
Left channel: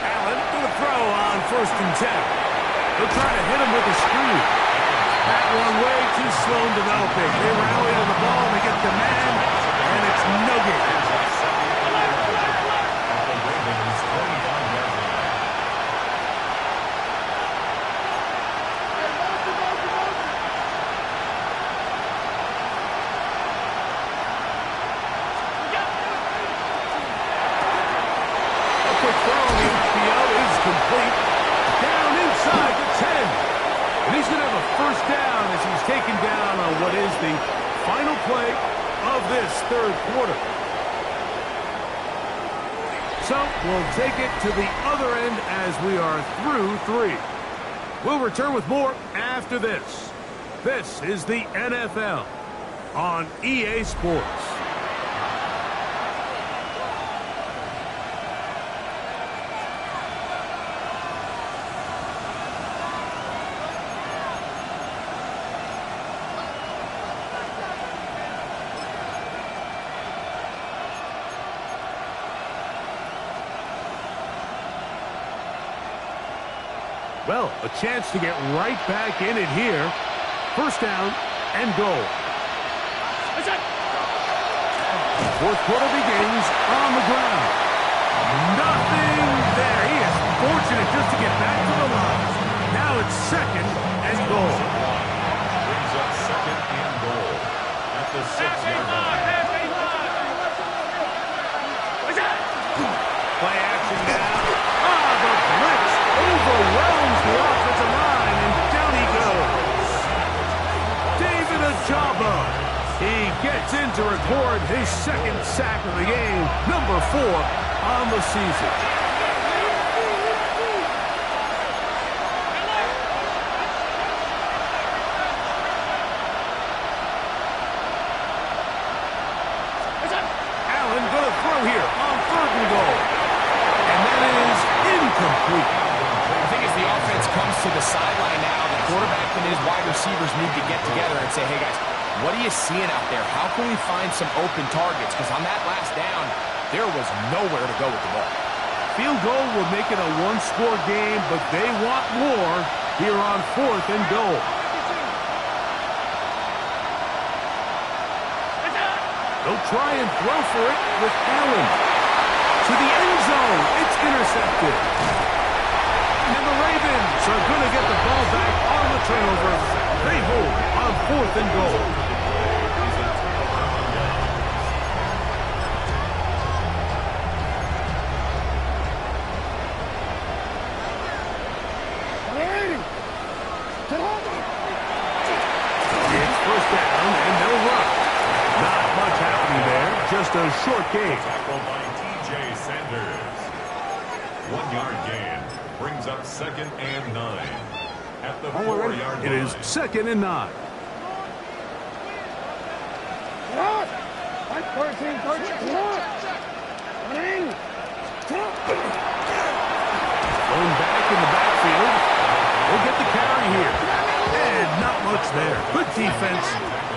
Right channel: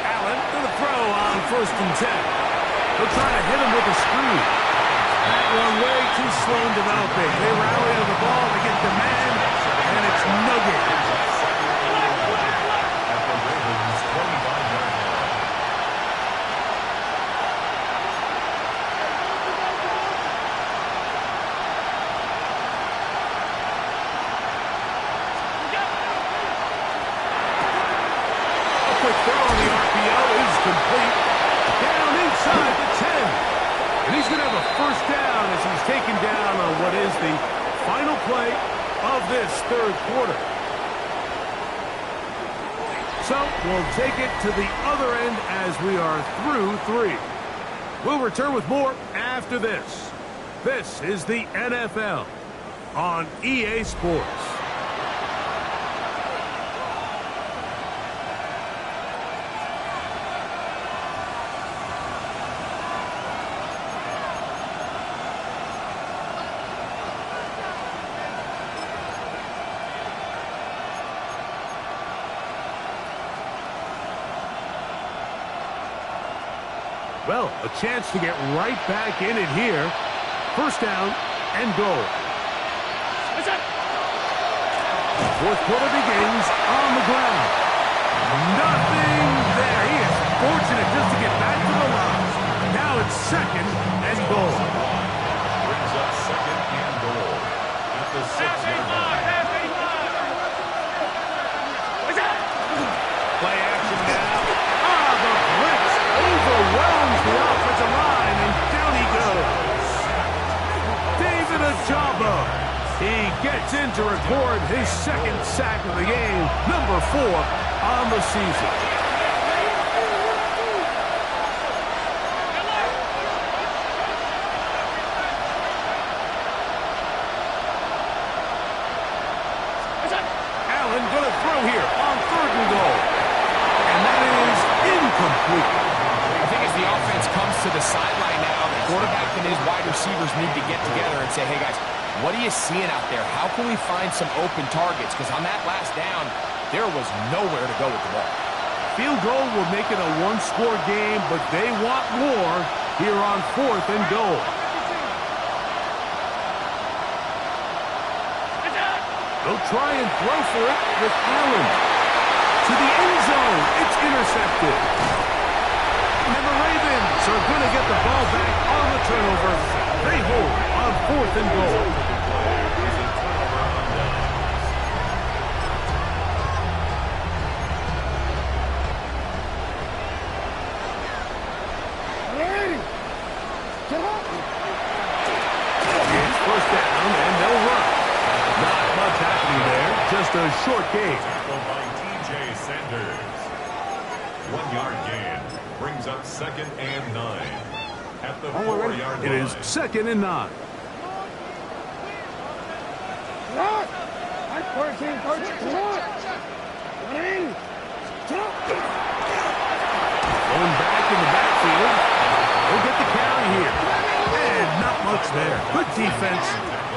Allen to the throw on 1st and 10. They'll try to hit him with a screen. That one way too slow in developing. They rally to the ball, they get the man, and it's no good. At the Ravens' 25-yard line. A quick throw on the RPO is complete. Down inside the 10. And he's going to have a 1st down as he's taken down on what is the final play of this 3rd quarter. So we'll take it to the other end as we are through 3. We'll return with more after this. This is the NFL on EA Sports. Well, a chance to get right back in it here. 1st down and goal. 4th quarter begins on the ground. Nothing there. He is fortunate just to get back to the line. Now it's 2nd and goal. Brings up 2nd and goal at the 6-yard line. Play action now. The blitz overwhelms the offensive line, and down he goes. David Ojabo. He gets in to record his 2nd sack of the game, number 4 on the season. Allen going to throw here on 3rd and goal. And that is incomplete. I think as the offense comes to the sideline now, the quarterback and his wide receivers need to get together and say, hey, guys, what are you seeing out there? How can we find some open targets? Because on that last down, there was nowhere to go with the ball. Field goal will make it a 1-score game, but they want more here on 4th and goal. They'll try and throw for it with Allen. To the end zone, it's intercepted. And the Ravens are going to get the ball back on the turnover. They hold on 4th and goal. just a short gain. Tackled by T.J. Sanders. 1 yard gain. Brings up 2nd and 9. At the 4-yard line. It is 2nd and 9. Come on. Right, 13, 13. Come on. Run in. Come on. Thrown back in the backfield. We'll get the carry here. And not much there. Good defense.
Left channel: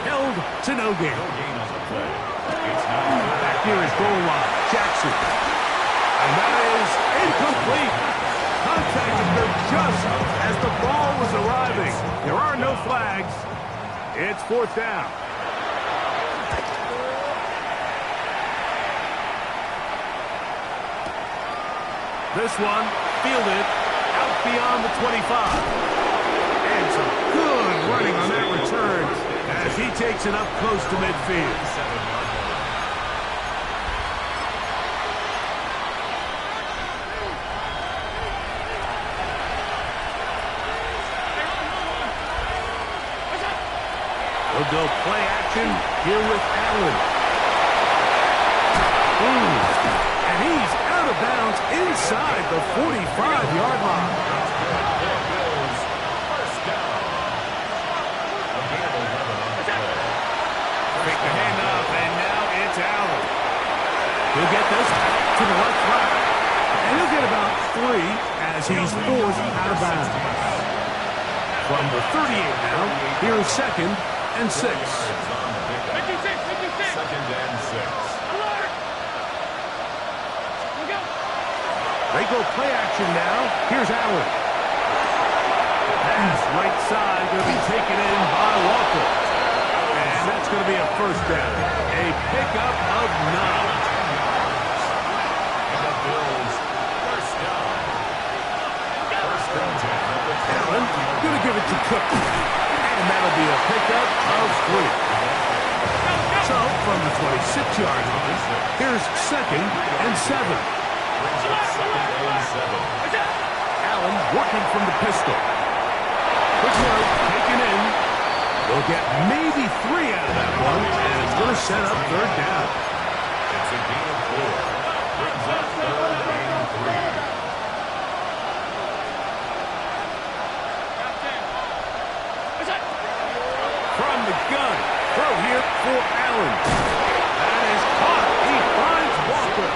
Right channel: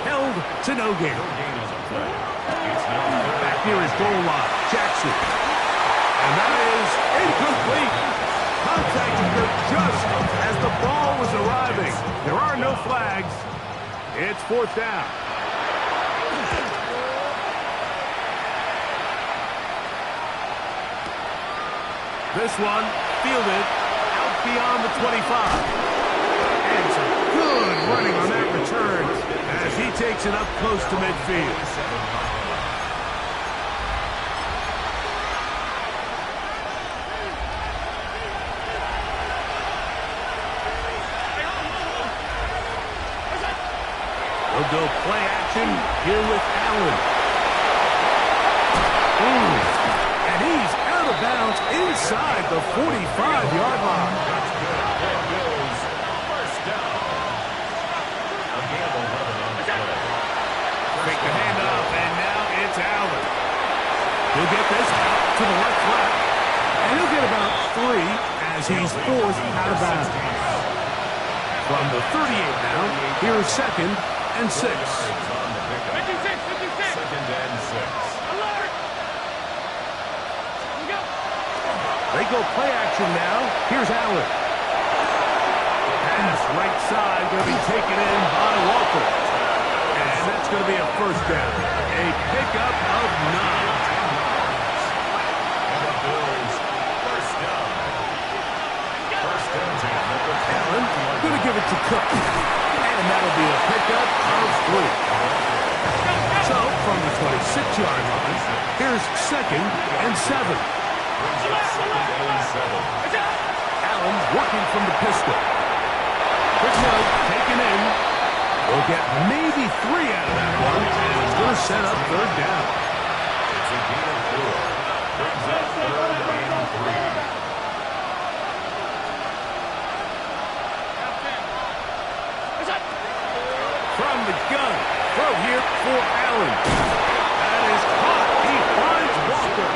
Held to no gain. No gain on the play. It's now Back near his goal line. Jackson. And that is incomplete. Contact occurred just as the ball was arriving. There are no flags. It's 4th down. This one fielded out beyond the 25. And some good running on that return as he takes it up close to midfield. 7-yard line. They'll go play action here with Allen. And he's out of bounds inside the 45-yard line. That's good for Bills. First down. A gain of 11 on the play. Pick the handoff, and now it's Allen. He'll get this out to the left flat. And he'll get about 3 as he's forced out of bounds. From the 38 now, here is 2nd and 6. Yards on the pickup. 56. 2nd and 6. Alert. We go. They go play action now. Here's Allen. Pass right side going to be taken in by Walker. And that's going to be a first down. A pickup of 9. 10 yards. And the Bills first down. First and 10 at the Allen going to give it to Cook. And that'll be a pickup of 3. So from the 26-yard line, here's 2nd and 7. Brings up 2nd and 7. Allen working from the pistol. Quick look, taken in. They'll get maybe 3 out of that one, and it's going to set up 3rd down. It's a gain of 4. Brings up 3rd and 3. From the gun, throw here for Allen. That is caught. He finds Walker.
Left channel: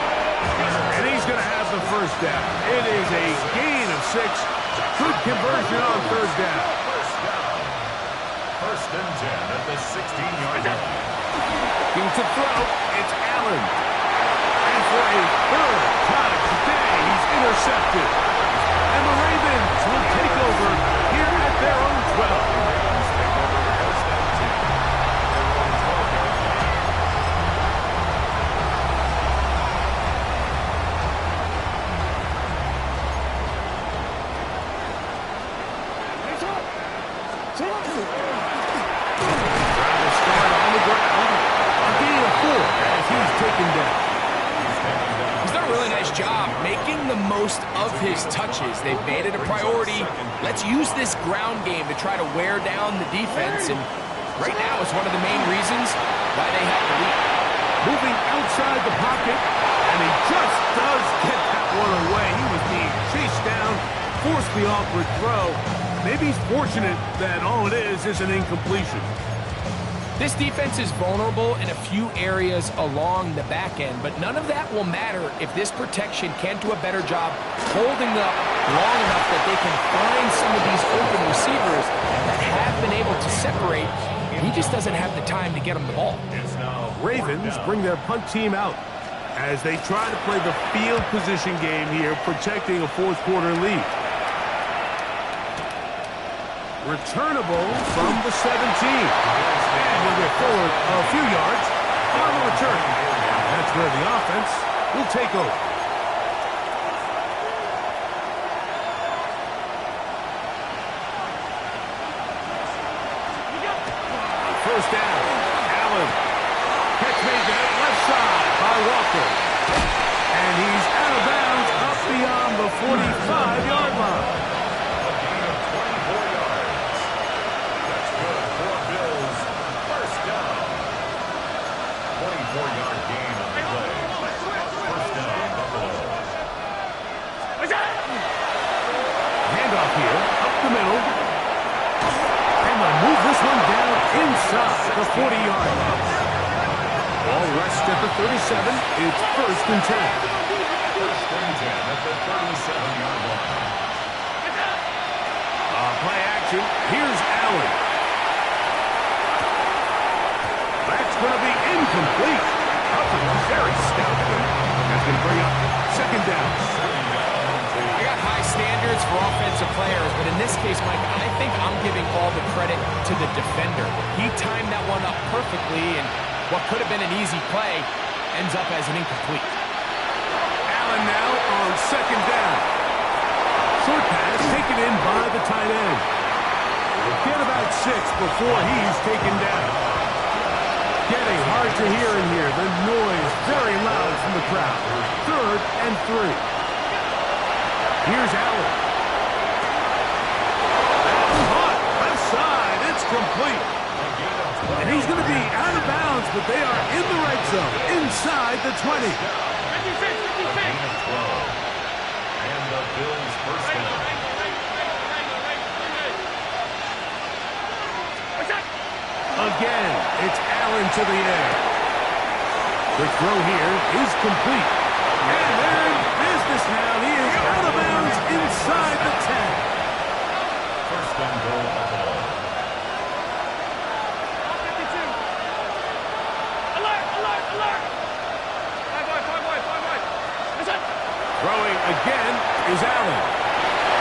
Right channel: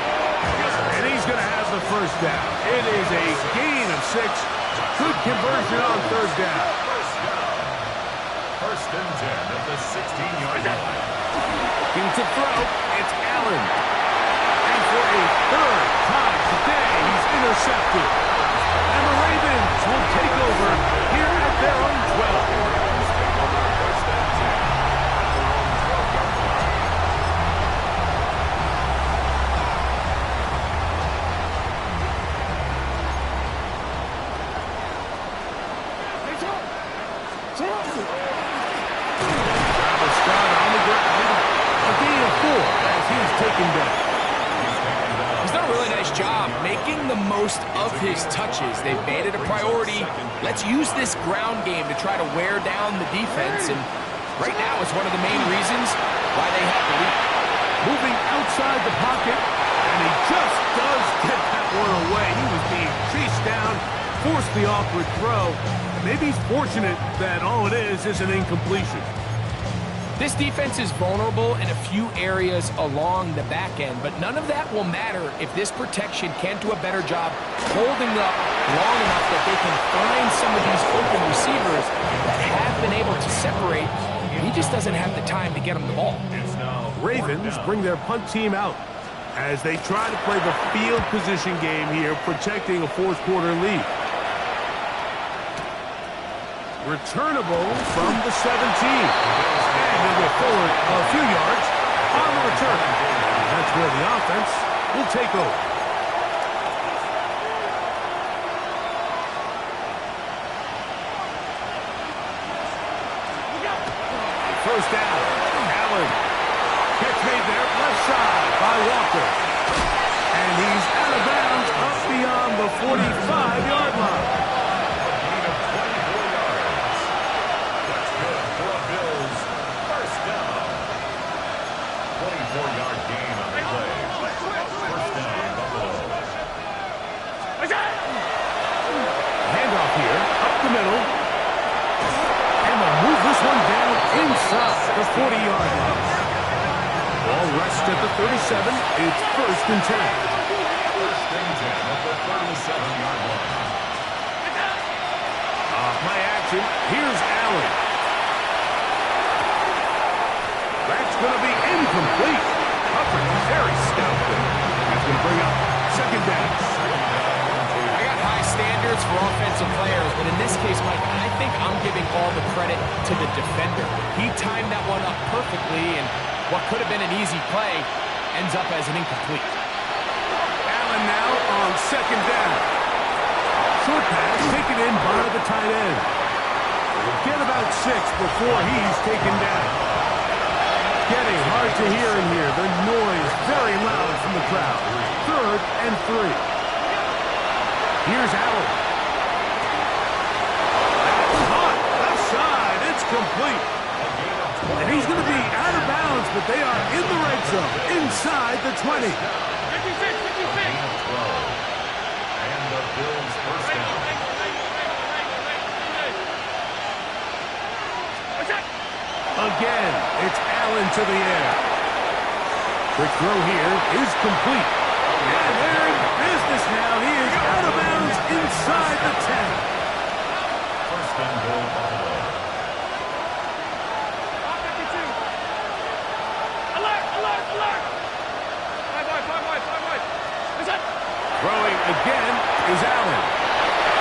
And he's going to have the first down. It is a gain of 6. Good conversion on 3rd down. First down. First and 10 at the 16-yard line. Looking to throw, it's Allen. And for a 3rd time today, he's intercepted. And the Ravens will take over here at their own 12. Ravens take over first and 10 at their own 12-yard line. Travel start on the ground. A gain of 4 as he's taken down. He's done a really nice job making the most of his touches. They've made it a priority. Let's use this ground game to try to wear down the defense. And right now it's one of the main reasons why they have the lead. Moving outside the pocket, and he just does get that one away. He was being chased down, forced the awkward throw. Maybe he's fortunate that all it is an incompletion. This defense is vulnerable in a few areas along the back end, but none of that will matter if this protection can't do a better job holding up long enough that they can find some of these open receivers that have been able to separate. He just doesn't have the time to get them the ball. It's now Ravens bring their punt team out as they try to play the field position game here, protecting a 4th quarter lead. Returnable from the 17. And he'll go forward a few yards on the return. That's where the offense will take over. First down, Allen. Catch made there, left side by Walker. And he's out of bounds up beyond the 45-yard line. a gain of 24 yards. That's good for Bills. First down. 24-yard gain this one down inside the 40-yard line. Ball rests at the 37. It's 1st and 10. 1st and 10 at the 37-yard line. Play action. Here's Allen. That's going to be incomplete. Coverage very stout there. That's going to bring up 2nd down. I got high standards for offensive players, but in this case, Mike, I think I'm giving all the credit to the defender. He timed that one up perfectly, and what could have been an easy play ends up as an incomplete. Allen now on 2nd down. Short pass taken in by the tight end. Get about 6 before he's taken down. Getting hard to hear in here. The noise very loud from the crowd. 3rd and 3. Here's Allen. That's hot. Left side. It's complete. And he's going to be out of bounds, but they are in the red zone. Inside the 20. 56, 56. And the Bills' 1st down. Again, it's Allen to the air. Quick throw here is complete. And they're in business now. He is out of bounds inside the 10. 1st and goal, Buffalo. Alert! 5 wide. Listen! Throwing again is Allen.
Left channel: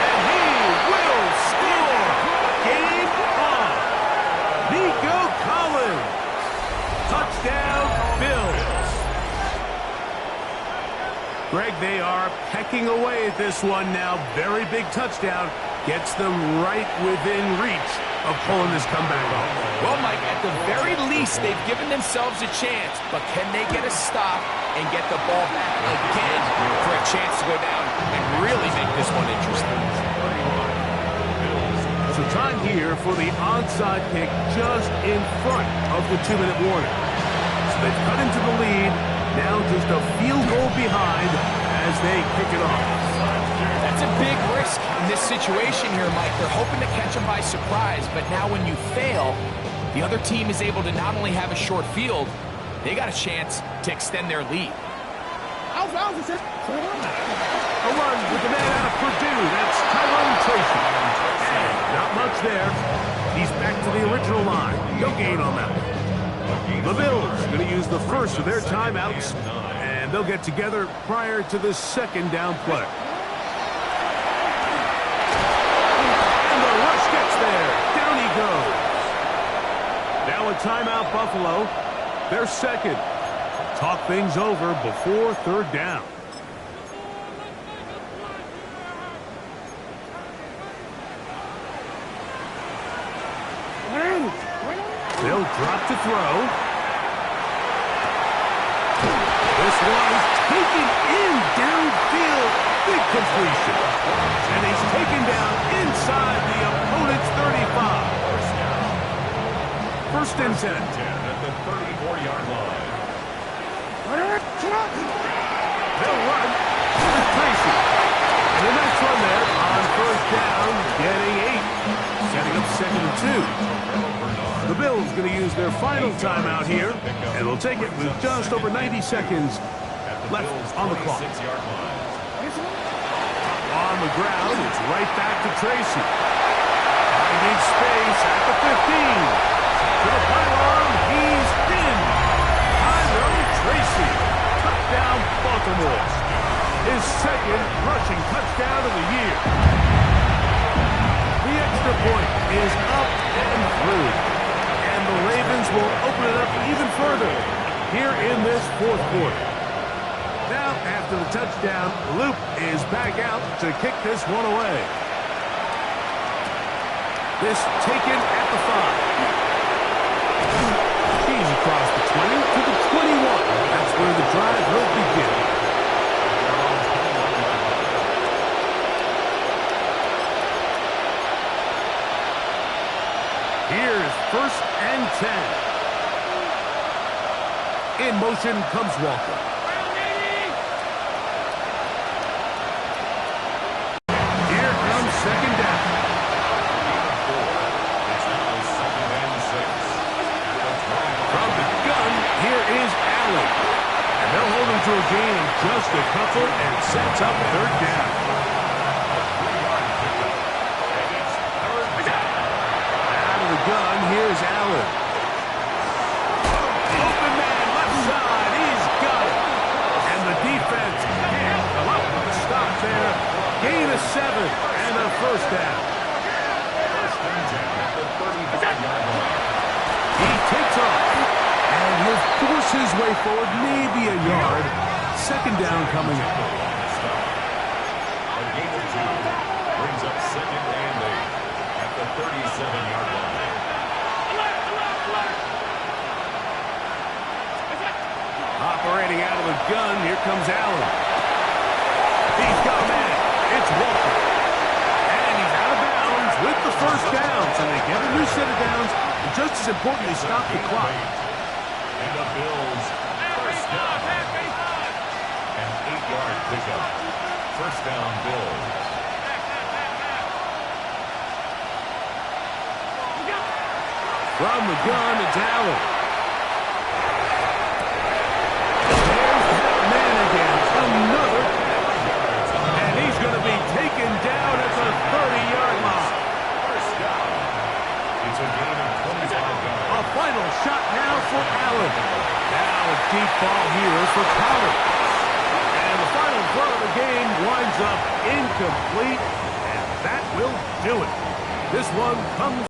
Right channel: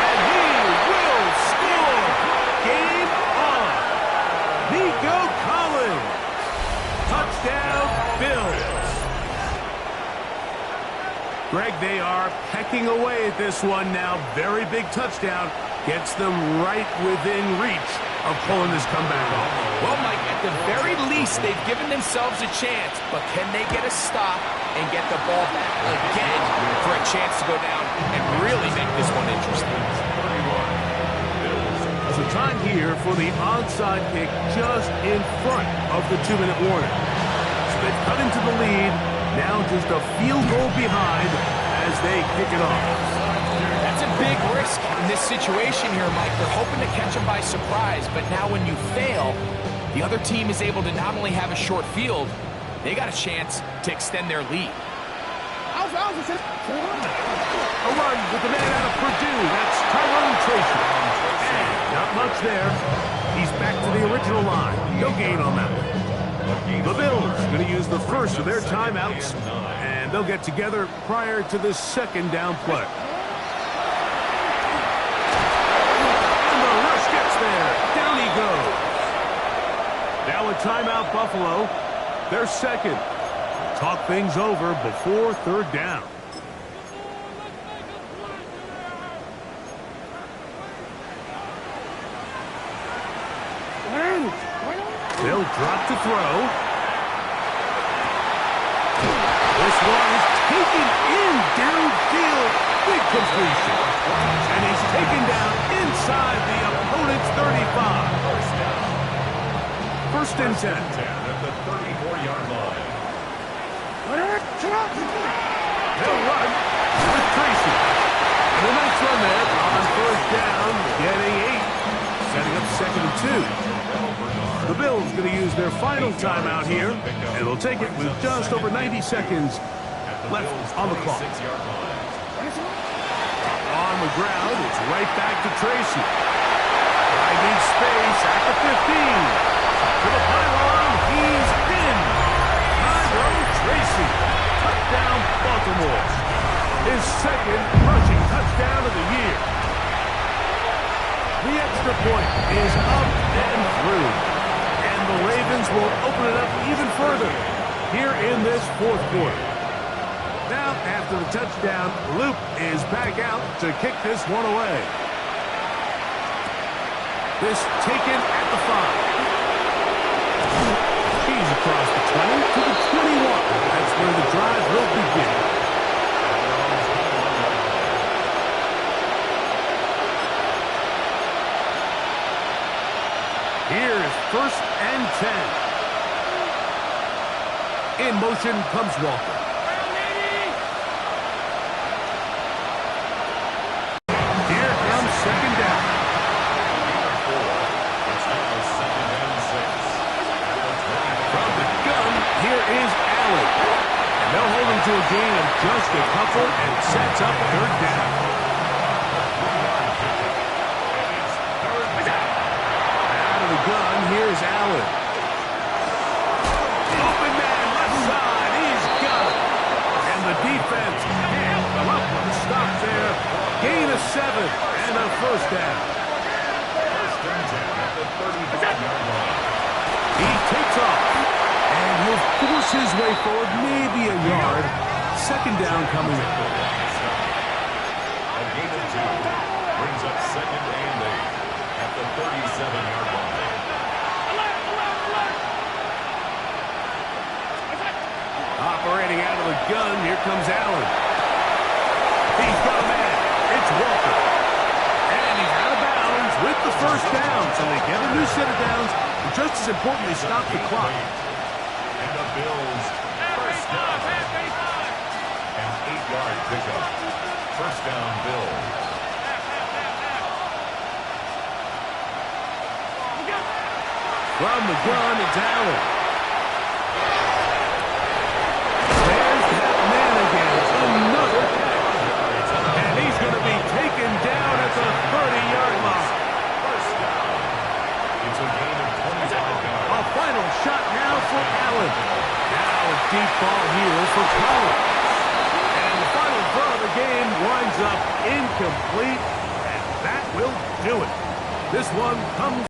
And he will score. Game on. Nico Collins. Touchdown, Bills. Greg, they are pecking away at this one now. Very big touchdown. Gets them right within reach of pulling this comeback off. Well, Mike, at the very least, they've given themselves a chance, but can they get a stop and get the ball back again for a chance to go down and really make this one interesting? So time here for the onside kick just in front of the 2-minute warning. So they've cut into the lead, now just a field goal behind as they kick it off. That's a big risk in this situation here, Mike. They're hoping to catch them by surprise, but now when you fail, the other team is able to not only have a short field, they got a chance to extend their lead. A run with the man out of Purdue. That's Tyrone Tracy. And not much there. He's back to the original line. No gain on that one. The Bills going to use the first of their timeouts, and they'll get together prior to the 2nd down play. And the rush gets there. Down he goes. Now a timeout, Buffalo. They're 2nd. Talk things over before 3rd down. They'll drop to throw. This one is taken in downfield. Big completion. And he's taken down inside the opponent's 35. 1st and 10. At the 34-yard line. They'll run with Tracy. And a nice run there on 1st down, getting 8. Setting up 2nd and 2. The Bills going to use their final timeout here, and they'll take it with just over 90 seconds left on the clock. On the ground, it's right back to Tracy. I need space at the 15. To the pylon, he's in. Tyrone Tracy. Touchdown, Baltimore. His 2nd rushing touchdown of the year. The extra point is up and through. And the Ravens will open it up even further here in this 4th quarter. Now, after the touchdown, Luke is back out to kick this one away. This taken at the 5. He's across the 20 to the 21. That's where the drive will begin. Here's 1st and 10. In motion comes Walker. Here comes 2nd down. It's now 2nd and to a gain of just a couple and sets up third down. A 3-yard pickup. And it's third down. Out of the gun, here's Allen. Open man, left side, he's got it. And the defense can't come up with a stop there. Gain of 7 and a first down. First and 10 at the 35-yard line. He takes off, and he'll force his way forward, maybe a yard. Second down coming up. A gain of 2 brings up second and 8 at the 37-yard line. Operating out of the gun, here comes Allen. He's got a man. It's Walker. And he's out of bounds with the first down. So they get a new set of downs, and just as importantly, stop the clock. And the Bills first down. An 8-yard pickup. First down, Bills. From the gun, it's Allen. There's that man again. Another catch. And he's going to be taken down at the 30-yard line. First down. It's a gain of 25 yards. A final shot now for Allen. Now a deep ball here for Collins. And the final throw of the game winds up incomplete. And that will do it. This one comes